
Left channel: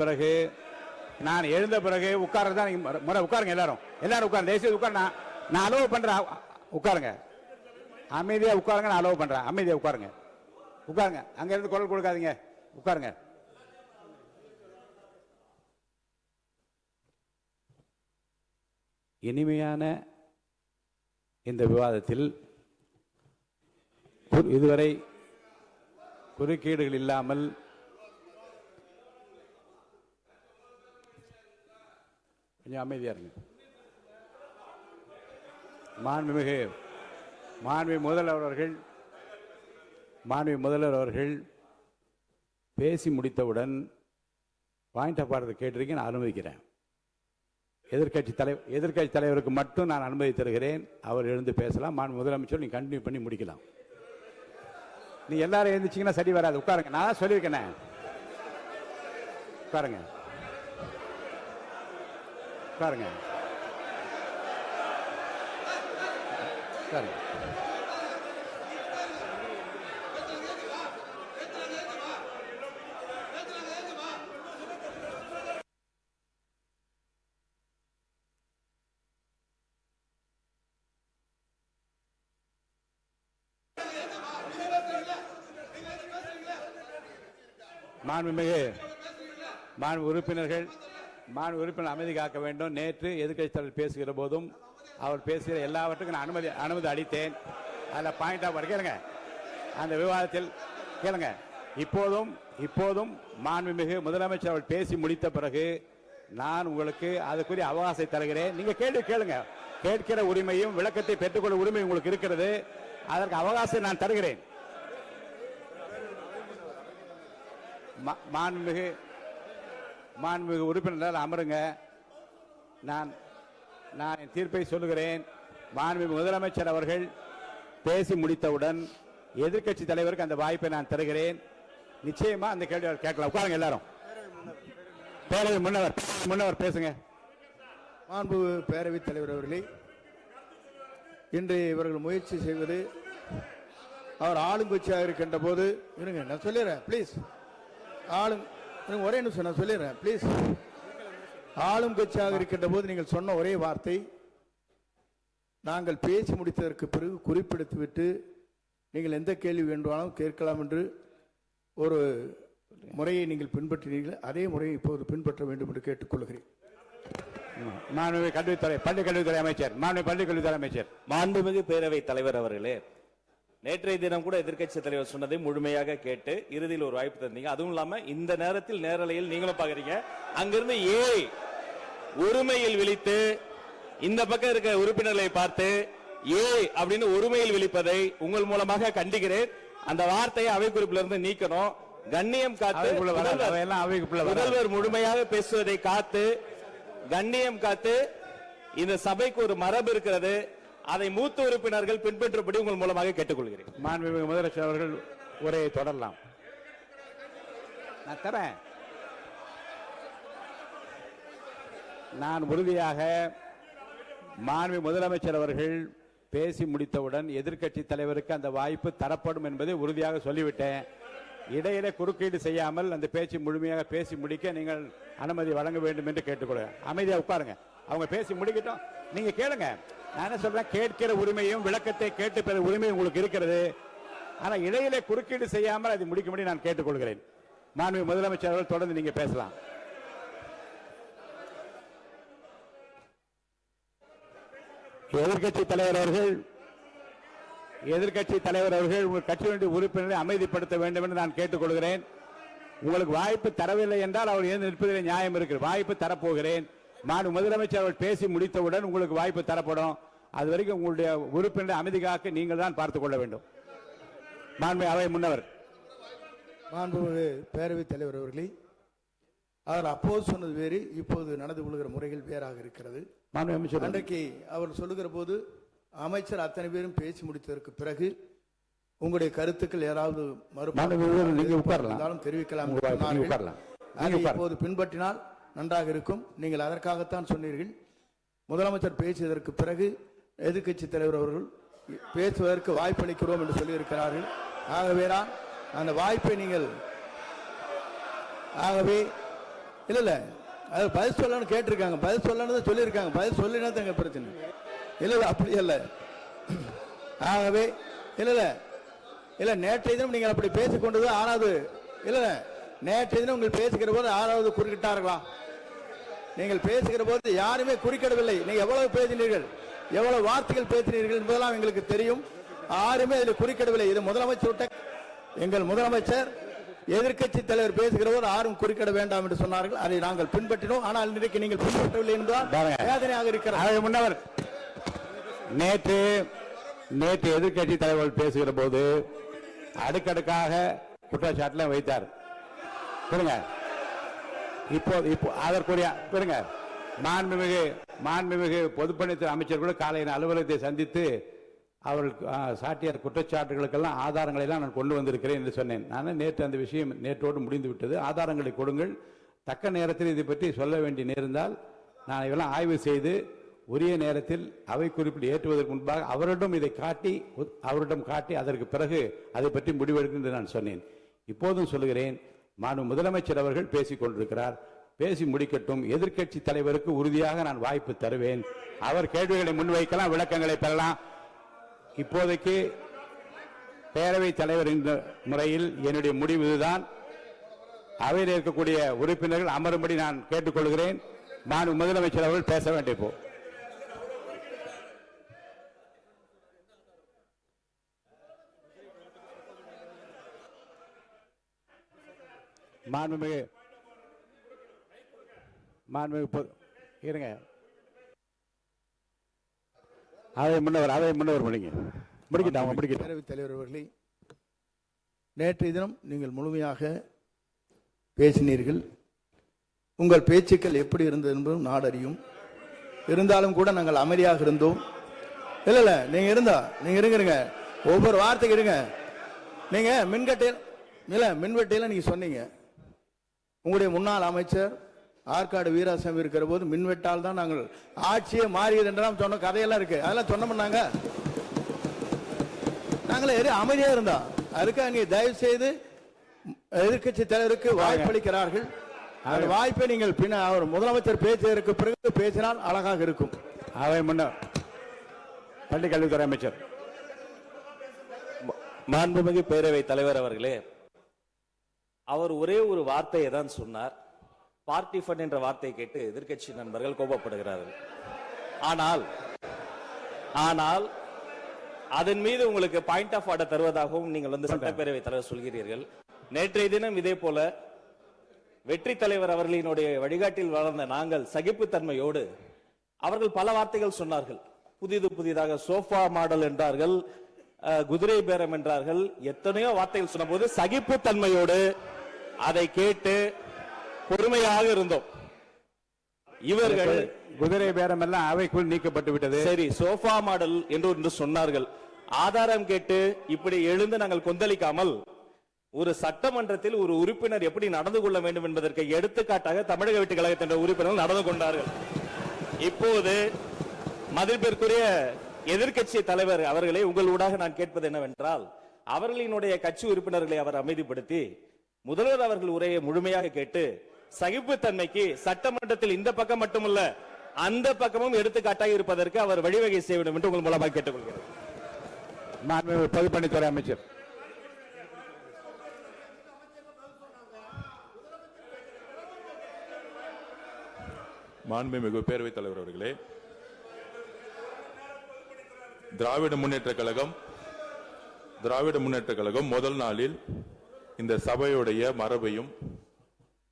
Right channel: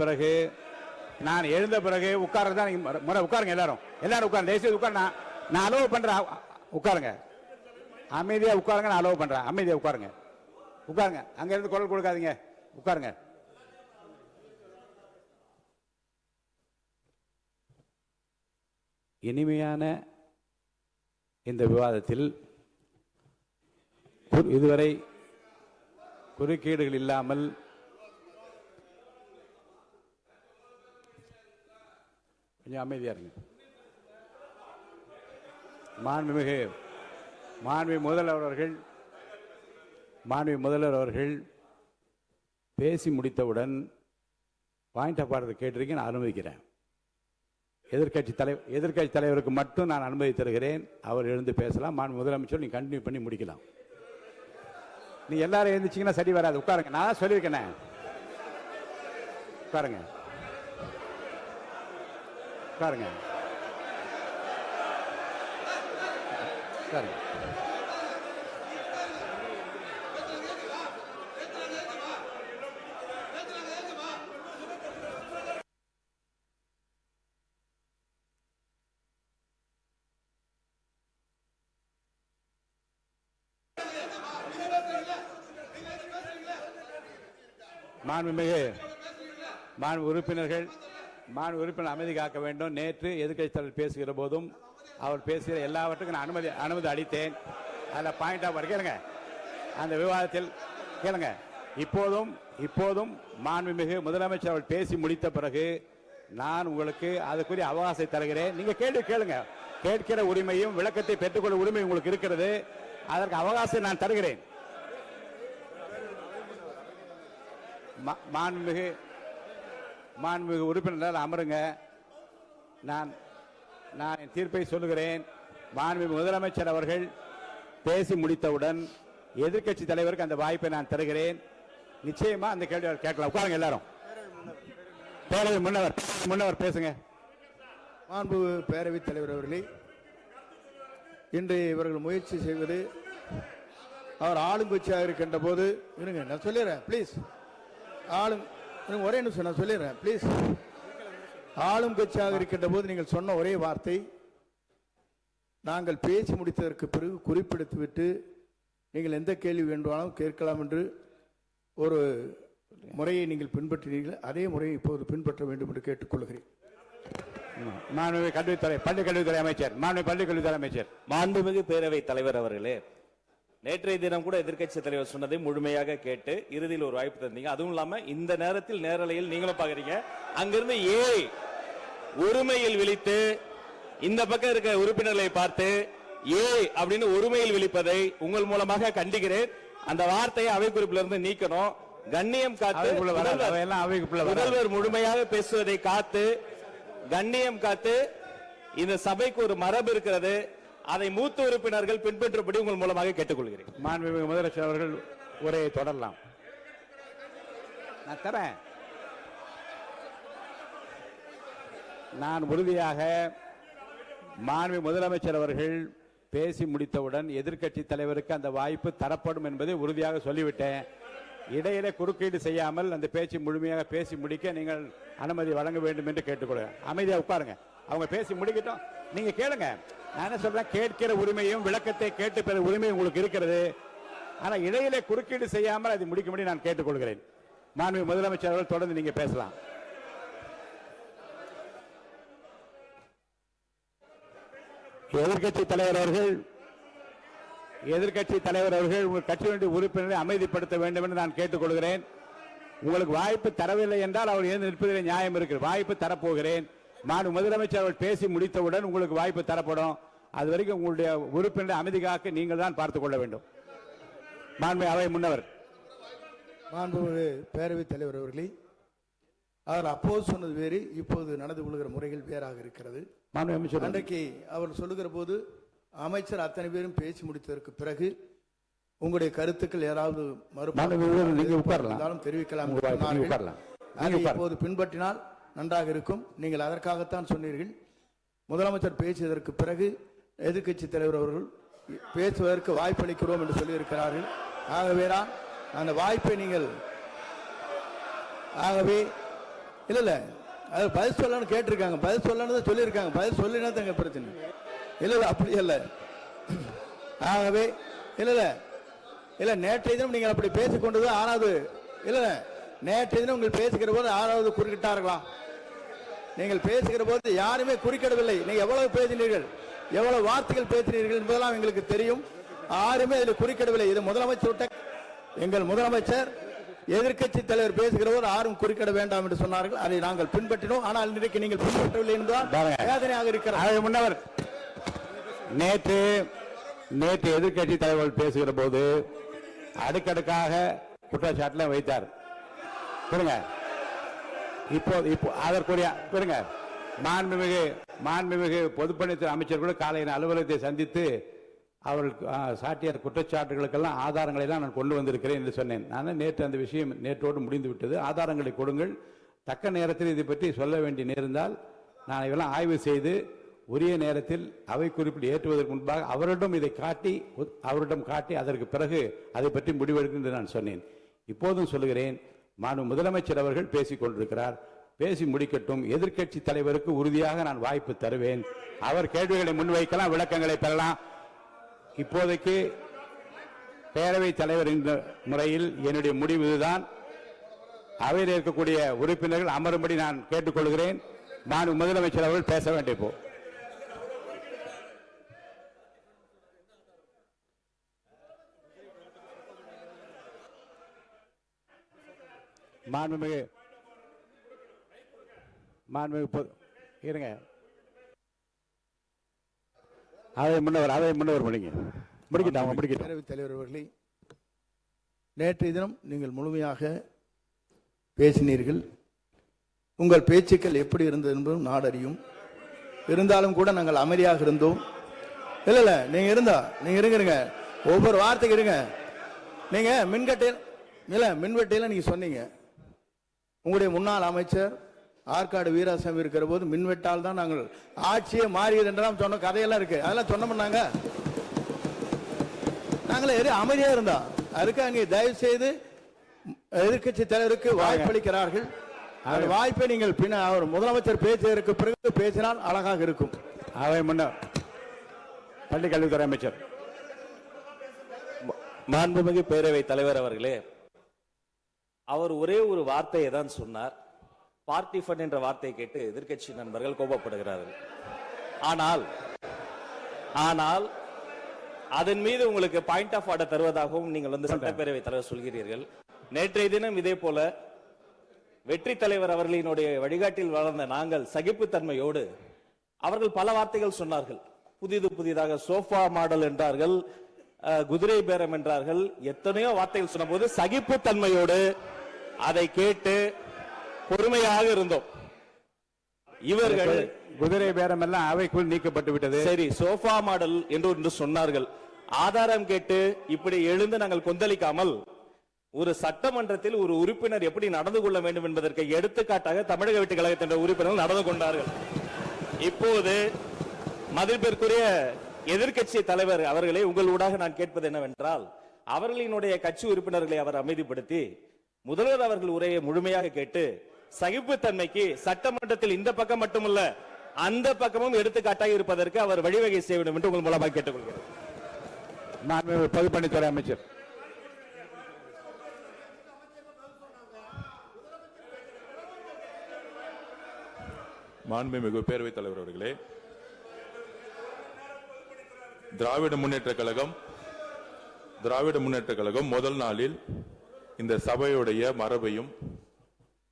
பிறகு உட்கார்றதுதான் முறை. உட்காருங்க, எல்லாரும் உட்காருங்க. தேசிய உட்கார். நான் அலோவ் பண்றேன். உட்காருங்க, அமைதியா உட்காருங்க. நான் அலோவ் பண்றேன். அமைதியா உட்காருங்க, உட்காருங்க. அங்க இருந்து குரல் கொடுக்காதீங்க. உட்காருங்க. இனிமையான இந்த விவாதத்தில் இதுவரை குறுக்கீடுகள் இல்லாமல் கொஞ்சம் அமைதியா இருங்க. மாண்புமிகு முதல்வர் அவர்கள் பேசி முடித்தவுடன் பாயிண்ட் ஆஃப் ஆர்டர் கேட்டிருக்கேன், நான் அனுமதிக்கிறேன். எதிர்க்கட்சி தலைவருக்கு மட்டும் நான் அனுமதி தருகிறேன். அவர் எழுந்து பேசலாம். மாண்பு முதலமைச்சர் நீங்க கண்டினியூ பண்ணி முடிக்கலாம். நீ எல்லாரும் எழுந்துச்சீங்கன்னா சரி வராது. உட்காருங்க, நான் சொல்லியிருக்கேன். உட்காருங்க, உட்காருங்க, உட்காருங்க. மாண்பு உறுப்பினர் அமைதி காக்க வேண்டும். நேற்று எதிர்க்கட்சி தலைவர் பேசுகிற போதும் அவர் பேசுகிற எல்லாவற்றுக்கும் நான் அனுமதி அளித்தேன். அதில் பாயிண்ட் ஆஃப் கேளுங்க, அந்த விவாதத்தில் கேளுங்க. இப்போதும் மாண்புமிகு முதலமைச்சர் அவர்கள் பேசி முடித்த பிறகு நான் உங்களுக்கு அதுக்குரிய அவகாசத்தை தருகிறேன். நீங்க கேள்வி கேளுங்க. கேட்கிற உரிமையும் விளக்கத்தை பெற்றுக்கொள்ள உரிமை உங்களுக்கு இருக்கிறது. அதற்கு அவகாசம் நான் தருகிறேன். மாண்புமிகு உறுப்பினர் அமருங்க. நான் என் தீர்ப்பை சொல்லுகிறேன். மாண்புமிகு முதலமைச்சர் அவர்கள் பேசி முடித்தவுடன் எதிர்க்கட்சி தலைவருக்கு அந்த வாய்ப்பை நான் தருகிறேன். நிச்சயமா அந்த கேள்வி கேட்கலாம். உட்காருங்க எல்லாரும். பேரவை முன்னவர் பேசுங்க. மாண்பு பேரவைத் தலைவர் அவர்களே, இன்று இவர்கள் முயற்சி செய்வது, அவர் ஆளுங்கட்சியாக இருக்கின்ற போது, இருங்க நான் சொல்லிடுறேன் ப்ளீஸ். ஒரே நிமிஷம் நான் சொல்லிடுறேன் ப்ளீஸ். ஆளும் கட்சியாக இருக்கின்ற போது நீங்கள் சொன்ன ஒரே வார்த்தை, நாங்கள் பேசி முடித்ததற்கு பிறகு குறிப்பிடுத்துவிட்டு நீங்கள் எந்த கேள்வி வேண்டுமானாலும் கேட்கலாம் என்று ஒரு முறையை நீங்கள் பின்பற்றினீர்கள். அதே முறையை இப்போது பின்பற்ற வேண்டும் என்று கேட்டுக்கொள்கிறேன். பள்ளிக்கல்வித்துறை அமைச்சர். மாண்புமிகு பேரவைத் தலைவர் அவர்களே, நேற்றைய தினம் கூட எதிர்க்கட்சி தலைவர் சொன்னதை முழுமையாக கேட்டு இறுதியில் ஒரு வாய்ப்பு தந்தீங்க. அதுவும் இல்லாம இந்த நேரத்தில் நேரலையில் நீங்களும் பாக்குறீங்க. அங்கிருந்து உரிமையில் விழித்து இந்த பக்கம் இருக்கிற உறுப்பினர்களை பார்த்து அப்படின்னு உரிமையில் விழிப்பதை உங்கள் மூலமாக கண்டிக்கிறேன். அந்த வார்த்தையை அவை குறிப்பிலிருந்து நீக்கணும். கண்ணியம் காத்து அவைக்குள்ள வராது. அவையெல்லாம் அவைக்குள்ள வராது. முதல்வர் முழுமையாக பேசுவதை காத்து கண்ணியம் காத்து இந்த சபைக்கு ஒரு மரபு இருக்கிறது, அதை மூத்த உறுப்பினர்கள் பின்பற்றபடி உங்கள் மூலமாக கேட்டுக்கொள்கிறேன். மாண்புமிகு முதலமைச்சர் அவர்கள் உரையை தொடரலாம். நான் தரேன். நான் உறுதியாக மாண்புமிகு முதலமைச்சர் அவர்கள் பேசி முடித்தவுடன் எதிர்க்கட்சி தலைவருக்கு அந்த வாய்ப்பு தரப்படும் என்பதை உறுதியாக சொல்லிவிட்டேன். இடையிலே குறுக்கீடு செய்யாமல் அந்த பேச்சு முழுமையாக பேசி முடிக்க நீங்கள் அனுமதி வழங்க வேண்டும் என்று கேட்டுக்கொள்கிறேன். அமைதியா உட்காருங்க, அவங்க பேசி முடிக்கட்டும், நீங்க கேளுங்க. நான் என்ன சொல்றேன், கேட்கிற உரிமையும் விளக்கத்தை கேட்டு பெற உரிமை உங்களுக்கு இருக்கிறது. ஆனா இடையிலே குறுக்கீடு செய்யாமல் அதை முடிக்கும்படி நான் கேட்டுக்கொள்கிறேன். மாண்புமிகு முதலமைச்சர் அவர்கள் தொடர்ந்து நீங்க பேசலாம். எதிர்க்கட்சி தலைவர் அவர்கள் உங்கள் கட்சியினுடைய உறுப்பினரை அமைதிப்படுத்த வேண்டும் என்று நான் கேட்டுக்கொள்கிறேன். உங்களுக்கு வாய்ப்பு தரவில்லை என்றால் அவர் எழுந்து நிற்பதில் நியாயம் இருக்கிறது. வாய்ப்பு தரப்போகிறேன். நான் முதலமைச்சர் அவர்கள் பேசி முடித்தவுடன் உங்களுக்கு வாய்ப்பு தரப்படும். அது வரைக்கும் உங்களுடைய உறுப்பினரை அமைதி காக்க நீங்கள் தான் பார்த்துக் கொள்ள வேண்டும். மாண்புமிகு அவை முன்னவர். மாண்புமிகு பேரவைத் தலைவர் அவர்களே, அவர் அப்போது சொன்னது வேறு, இப்போது நடந்து கொள்கிற முறைகள் வேறாக இருக்கிறது. அன்றைக்கு அவர் சொல்லுகிற போது அமைச்சர் அத்தனை பேரும் பேசி முடித்ததற்கு பிறகு உங்களுடைய கருத்துக்கள் ஏதாவது தெரிவிக்கலாம். இப்போது பின்பற்றினால் நன்றாக இருக்கும். நீங்கள் அதற்காகத்தான் சொன்னீர்கள். முதலமைச்சர் பேசியதற்கு பிறகு எதிர்க்கட்சி தலைவர் அவர்கள் பேசுவதற்கு வாய்ப்பளிக்கிறோம் என்று சொல்லியிருக்கிறார்கள். ஆகவேதான் அந்த வாய்ப்பை நீங்கள் இல்ல அது பதில் சொல்லணும்னு கேட்டிருக்காங்க. பதில் சொல்லணும் சொல்லியிருக்காங்க. பதில் சொல்லினா தங்க பிரச்சனை இல்ல, அப்படி இல்ல. ஆகவே இல்ல நேற்றைய தினம் நீங்கள் அப்படி பேசிக்கொண்டது ஆறாவது இல்ல. நேற்றைய தினம் நீங்கள் பேசுகிற போது ஆறாவது குறுக்கிட்டார்களா? நீங்கள் பேசுகிற போது யாருமே குறுக்கிடவில்லை. நீங்க எவ்வளவு பேசினீர்கள், எவ்வளவு வார்த்தைகள் பேசினீர்கள் என்பதெல்லாம் எங்களுக்கு தெரியும். யாருமே அதில் குறுக்கிடவில்லை. இது முதலமைச்சர், எங்கள் முதலமைச்சர் எதிர்க்கட்சி தலைவர் பேசுகிற போது யாரும் குறுக்கிட வேண்டாம் என்று சொன்னார்கள். அதை நாங்கள் பின்பற்றினோம். ஆனால் இன்றைக்கு நீங்கள் பின்பற்றவில்லை என்பதால் வேதனையாக இருக்கிறார். முன்னவர் நேற்று எதிர்க்கட்சி தலைவர் பேசுகிற போது அடுக்கடுக்காக குற்றச்சாட்டுல வைத்தார். இப்போ அதற்குரிய மாண்புமிகு பொதுப்பணித்துறை அமைச்சர்கள் காலையில் அலுவலகத்தை சந்தித்து அவர்கள் சாட்டிய குற்றச்சாட்டுகளுக்கெல்லாம் ஆதாரங்களை எல்லாம் நான் கொண்டு வந்திருக்கிறேன் என்று சொன்னேன். நான் நேற்று அந்த விஷயம் நேற்றோடு முடிந்து விட்டது. ஆதாரங்களை கொடுங்கள். தக்க நேரத்தில் இதை பற்றி சொல்ல வேண்டிய நேர்ந்தால் நான் இதெல்லாம் ஆய்வு செய்து உரிய நேரத்தில் அவை குறிப்பிட்டு ஏற்றுவதற்கு முன்பாக அவரிடம் காட்டி அதற்கு பிறகு அதை பற்றி முடிவெடுக்கும் என்று நான் சொன்னேன். இப்போதும் சொல்லுகிறேன், மாண்புமிகு முதலமைச்சர் அவர்கள் பேசிக் கொண்டிருக்கிறார். பேசி முடிக்கட்டும். எதிர்க்கட்சி தலைவருக்கு உறுதியாக நான் வாய்ப்பு தருவேன். அவர் கேள்விகளை முன்வைக்கலாம், விளக்கங்களை பெறலாம். இப்போதைக்கு பேரவைத் தலைவர் என்ற முறையில் என்னுடைய முடிவு இதுதான். அவையில் இருக்கக்கூடிய உறுப்பினர்கள் அமரும்படி நான் கேட்டுக்கொள்கிறேன். நான் முதலமைச்சர் அவர்கள் பேச வேண்டிய போ இருங்க. அவை முன்னவர் பேரவைத் தலைவர் அவர்களே, நேற்றைய தினம் நீங்கள் முழுமையாக பேசினீர்கள். உங்கள் பேச்சுக்கள் எப்படி இருந்தது என்பதும் நாடறியும். இருந்தாலும் கூட நாங்கள் அமைதியாக இருந்தோம். இல்ல நீங்க இருங்க, ஒவ்வொரு வார்த்தைக்கு இருங்க. நீங்க மின்வெட்டையில நீங்க சொன்னீங்க, உங்களுடைய முன்னாள் அமைச்சர் ஆற்காடு வீராசாமி இருக்கிற போது மின்வெட்டால் தான் நாங்கள் ஆட்சியே மாறியது என்றெல்லாம் சொன்ன கதையெல்லாம் இருக்கு. அதெல்லாம் சொன்னோம்னாங்க, நாங்களே அமைதியா இருந்தோம். அதுக்காக நீங்க தயவு செய்து எதிர்க்கட்சி தலைவருக்கு வாய்ப்பளிக்கிறார்கள். அந்த வாய்ப்பை நீங்கள் அவர் முதலமைச்சர் பேசுவதற்கு பிறகு பேசினால் அழகாக இருக்கும். அவை முன்னர் பள்ளி கல்வித்துறை அமைச்சர். மாண்புமிகு பேரவைத் தலைவர் அவர்களே, அவர் ஒரே ஒரு வார்த்தையை தான் சொன்னார். பார்ட்டி ஃபண்ட் என்ற வார்த்தையை கேட்டு எதிர்க்கட்சி நண்பர்கள் கோபப்படுகிறார்கள். ஆனால் அதன் மீது உங்களுக்கு பாயிண்ட் ஆஃப் ஆர்டர் தருவதாகவும் நீங்கள் சட்டப்பேரவைத் தலைவர் சொல்கிறீர்கள். நேற்றைய தினம் இதே போல வெற்றி தலைவர் அவர்களினுடைய வழிகாட்டில் வளர்ந்த நாங்கள் சகிப்புத்தன்மையோடு அவர்கள் பல வார்த்தைகள் சொன்னார்கள். புதிதாக சோஃபா மாடல் என்றார்கள், குதிரை பேரம் என்றார்கள், எத்தனையோ வார்த்தைகள் சொன்ன போது சகிப்புத்தன்மையோடு அதை கேட்டு பொறுமையாக இருந்தோம். இவர்கள் குதிரை பேரம் எல்லாம் அவைக்குள் நீக்கப்பட்டு விட்டது. சரி, சோஃபா மாடல் என்று ஒன்று சொன்னார்கள். ஆதாரம் கேட்டு இப்படி எழுந்து நாங்கள் கொந்தளிக்காமல் ஒரு சட்டமன்றத்தில் ஒரு உறுப்பினர் எப்படி நடந்து கொள்ள வேண்டும் என்பதற்கு எடுத்துக்காட்டாக தமிழக வெற்றி கழகத்தின் உறுப்பினர்கள் நடந்து கொண்டார்கள். இப்போது மதிப்பிற்குரிய எதிர்க்கட்சி தலைவர் அவர்களே, உங்கள் ஊடாக நான் கேட்பது என்னவென்றால், அவர்களினுடைய கட்சி உறுப்பினர்களை அவர் அமைதிப்படுத்தி முதல்வர் அவர்கள் உரையை முழுமையாக கேட்டு சகிப்புத்தன்மைக்கு சட்டமன்றத்தில் இந்த பக்கம் மட்டுமல்ல அந்த பக்கமும் எடுத்துக்காட்டாக இருப்பதற்கு அவர் வழிவகை செய்ய வேண்டும் என்று உங்கள் மூலமாக கேட்டுக்கொள்கிறேன். மாண்புமிகு பொதுப்பணித்துறை அமைச்சர். மாண்புமிகு பேரவைத் தலைவர் அவர்களே, திராவிட முன்னேற்ற கழகம் முதல் நாளில் இந்த சபையுடைய மரபையும்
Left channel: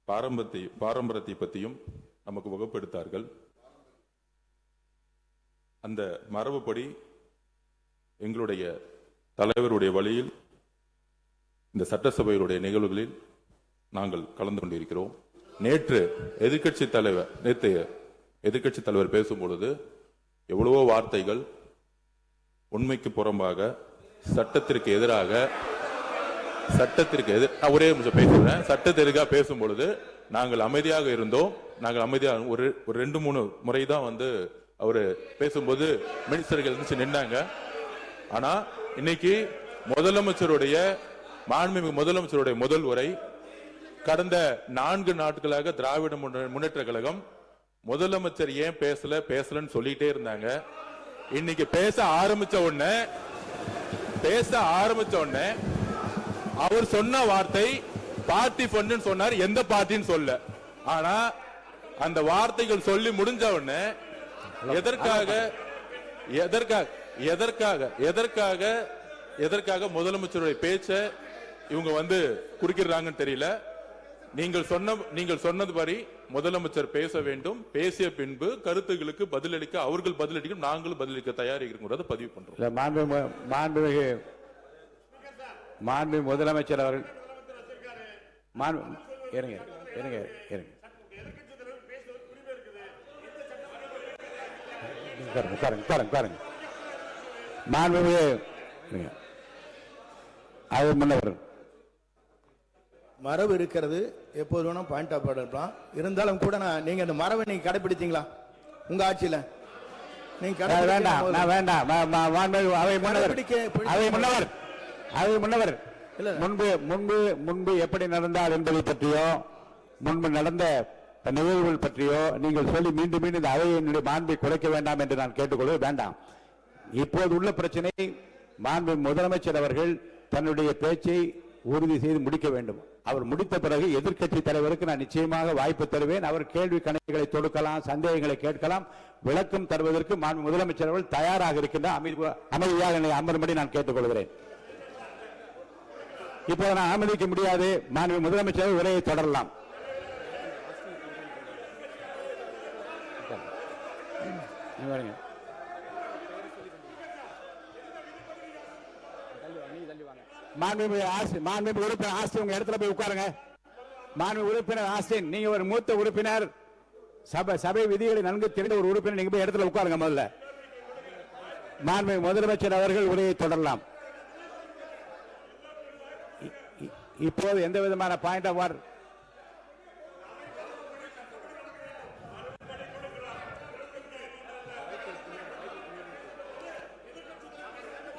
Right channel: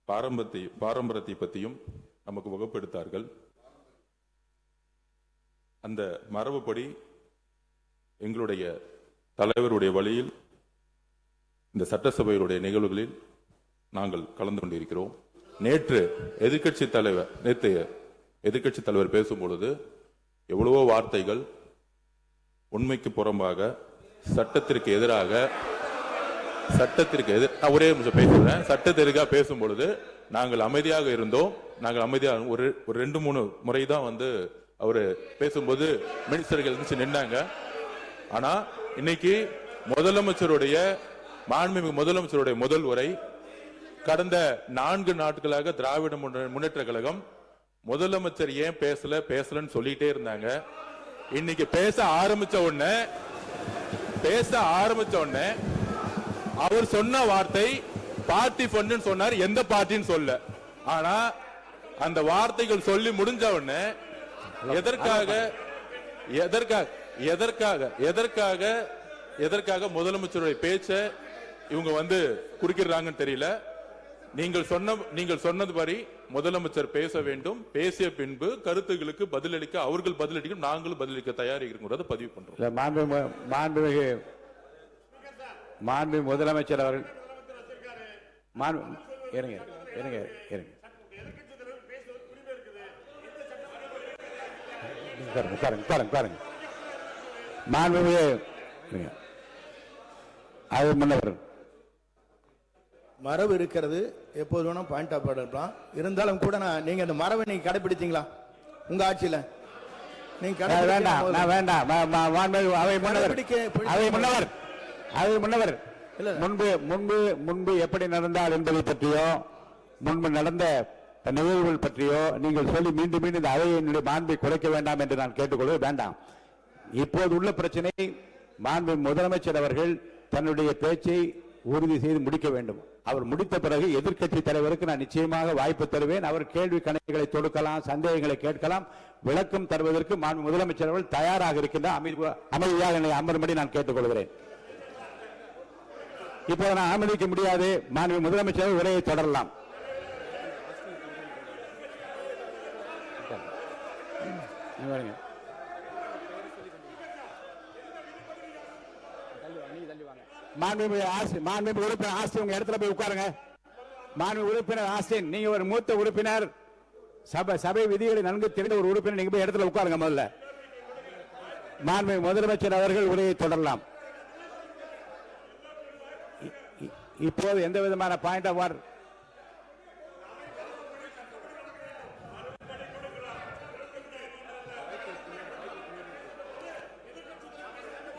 பாரம்பரியத்தை பற்றியும் நமக்கு வகுப்படுத்தார்கள். அந்த மரபுப்படி எங்களுடைய தலைவருடைய வழியில் இந்த சட்டசபையுடைய நிகழ்வுகளில் நாங்கள் கலந்து கொண்டிருக்கிறோம். நேற்று எதிர்க்கட்சி தலைவர் பேசும் பொழுது எவ்வளவோ வார்த்தைகள் உண்மைக்கு புறம்பாக சட்டத்திற்கு எதிராக ஒரே நிமிஷம் பேசுறேன். சட்டத்திற்காக பேசும் பொழுது நாங்கள் அமைதியாக இருந்தோம். ஒரு 2-3 முறை தான் அவரு பேசும்போது மினிஸ்டர்கள் இருந்துச்சு நின்னாங்க. ஆனா இன்னைக்கு மாண்புமிகு முதலமைச்சருடைய முதல் உரை கடந்த 4 நாட்களாக திராவிட முன்னேற்ற கழகம் முதலமைச்சர் ஏன் பேசலன்னு சொல்லிட்டே இருந்தாங்க. இன்னைக்கு பேச ஆரம்பிச்ச உடனே அவர் சொன்ன வார்த்தை பார்ட்டி ஃபண்ட் சொன்னார். எந்த பார்ட்டின்னு சொல்ல. ஆனா அந்த வார்த்தைகள் சொல்லி முடிஞ்ச உடனே எதற்காக முதலமைச்சருடைய பேச்ச இவங்க குறுக்கிறாங்கன்னு தெரியல. நீங்கள் சொன்னதுபடி முதலமைச்சர் பேச வேண்டும். பேசிய பின்பு கருத்துகளுக்கு பதிலளிக்க அவர்கள் பதிலளிக்க நாங்களும் பதிலளிக்க தயாராக இருக்கிறது பதிவு பண்றோம். மாண்பு முதலமைச்சர் அவர்கள் மரபு இருக்கிறது. எப்போது வேணா பாயிண்ட் ஆஃப் ஆர்டர் இருக்கலாம். இருந்தாலும் கூட நீங்க இந்த மரபை நீங்க கடைபிடித்தீங்களா உங்க ஆட்சியில? நீங்க முன்னவர் முன்பு எப்படி நடந்தால் என்பதை பற்றியோ முன்பு நடந்த நிகழ்வுகள் பற்றியோ நீங்கள் சொல்லி மீண்டும் மீண்டும் இந்த அவையினுடைய மாண்பை குறைக்க வேண்டாம் என்று நான் கேட்டுக்கொள்ள வேண்டாம். இப்போது உள்ள பிரச்சனை மாண்பு முதலமைச்சர் அவர்கள் தன்னுடைய பேச்சை உறுதி செய்து முடிக்க வேண்டும். அவர் முடித்த பிறகு எதிர்க்கட்சி தலைவருக்கு நான் நிச்சயமாக வாய்ப்பு தருவேன். அவர் கேள்வி கணக்குகளை தொடுக்கலாம், சந்தேகங்களை கேட்கலாம். விளக்கம் தருவதற்கு மாண்பு முதலமைச்சர் அவர்கள் தயாராக இருக்கின்றார். அமைதியாக என்னை அமரும்படி நான் கேட்டுக்கொள்கிறேன். இப்ப நான் அனுமதிக்க முடியாது. மாண்பு முதலமைச்சர் உரையை தொடரலாம். மாண்புமிகு உறுப்பினர் ஆஸ்டின் உங்க இடத்துல போய் உட்காருங்க. மாண்புமிகு உறுப்பினர் ஆஸ்டின், நீங்க ஒரு மூத்த உறுப்பினர், சபை விதிகளை நன்கு தெரிந்த ஒரு உறுப்பினர், நீங்க போய் இடத்துல உட்காருங்க. முதல்ல மாண்புமிகு முதலமைச்சர் அவர்கள் உரையை தொடரலாம். இப்போது எந்த விதமான பாயிண்ட் ஆஃப் ஆர்டர்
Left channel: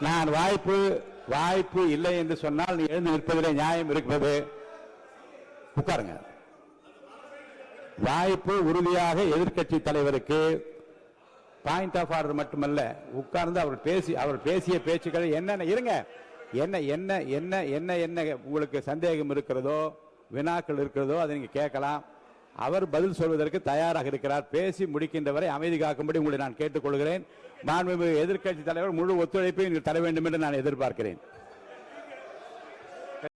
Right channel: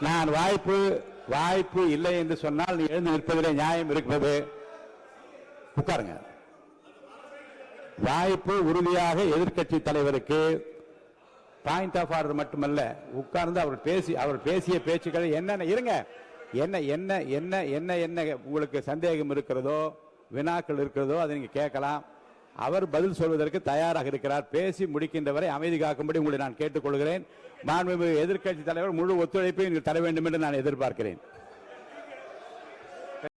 நான் வாய்ப்பு இல்லை என்று சொன்னால் நீ எழுந்து நிற்பதிலே நியாயம் இருக்கிறது. உட்காருங்க. வாய்ப்பு உறுதியாக எதிர்க்கட்சி தலைவருக்கு பாயிண்ட் ஆஃப் ஆர்டர் மட்டுமல்ல, உட்கார்ந்து அவர் பேசிய பேச்சுக்கள் என்னென்ன இருங்க, என்ன உங்களுக்கு சந்தேகம் இருக்கிறதோ, வினாக்கள் இருக்கிறதோ அதை நீங்க கேட்கலாம். அவர் பதில் சொல்வதற்கு தயாராக இருக்கிறார். பேசி முடிக்கின்ற வரை அமைதி காக்கும்படி உங்களை நான் கேட்டுக்கொள்கிறேன். மாண்புமிகு எதிர்க்கட்சி தலைவர் முழு ஒத்துழைப்பை நீங்கள் தர வேண்டும் என்று நான் எதிர்பார்க்கிறேன்.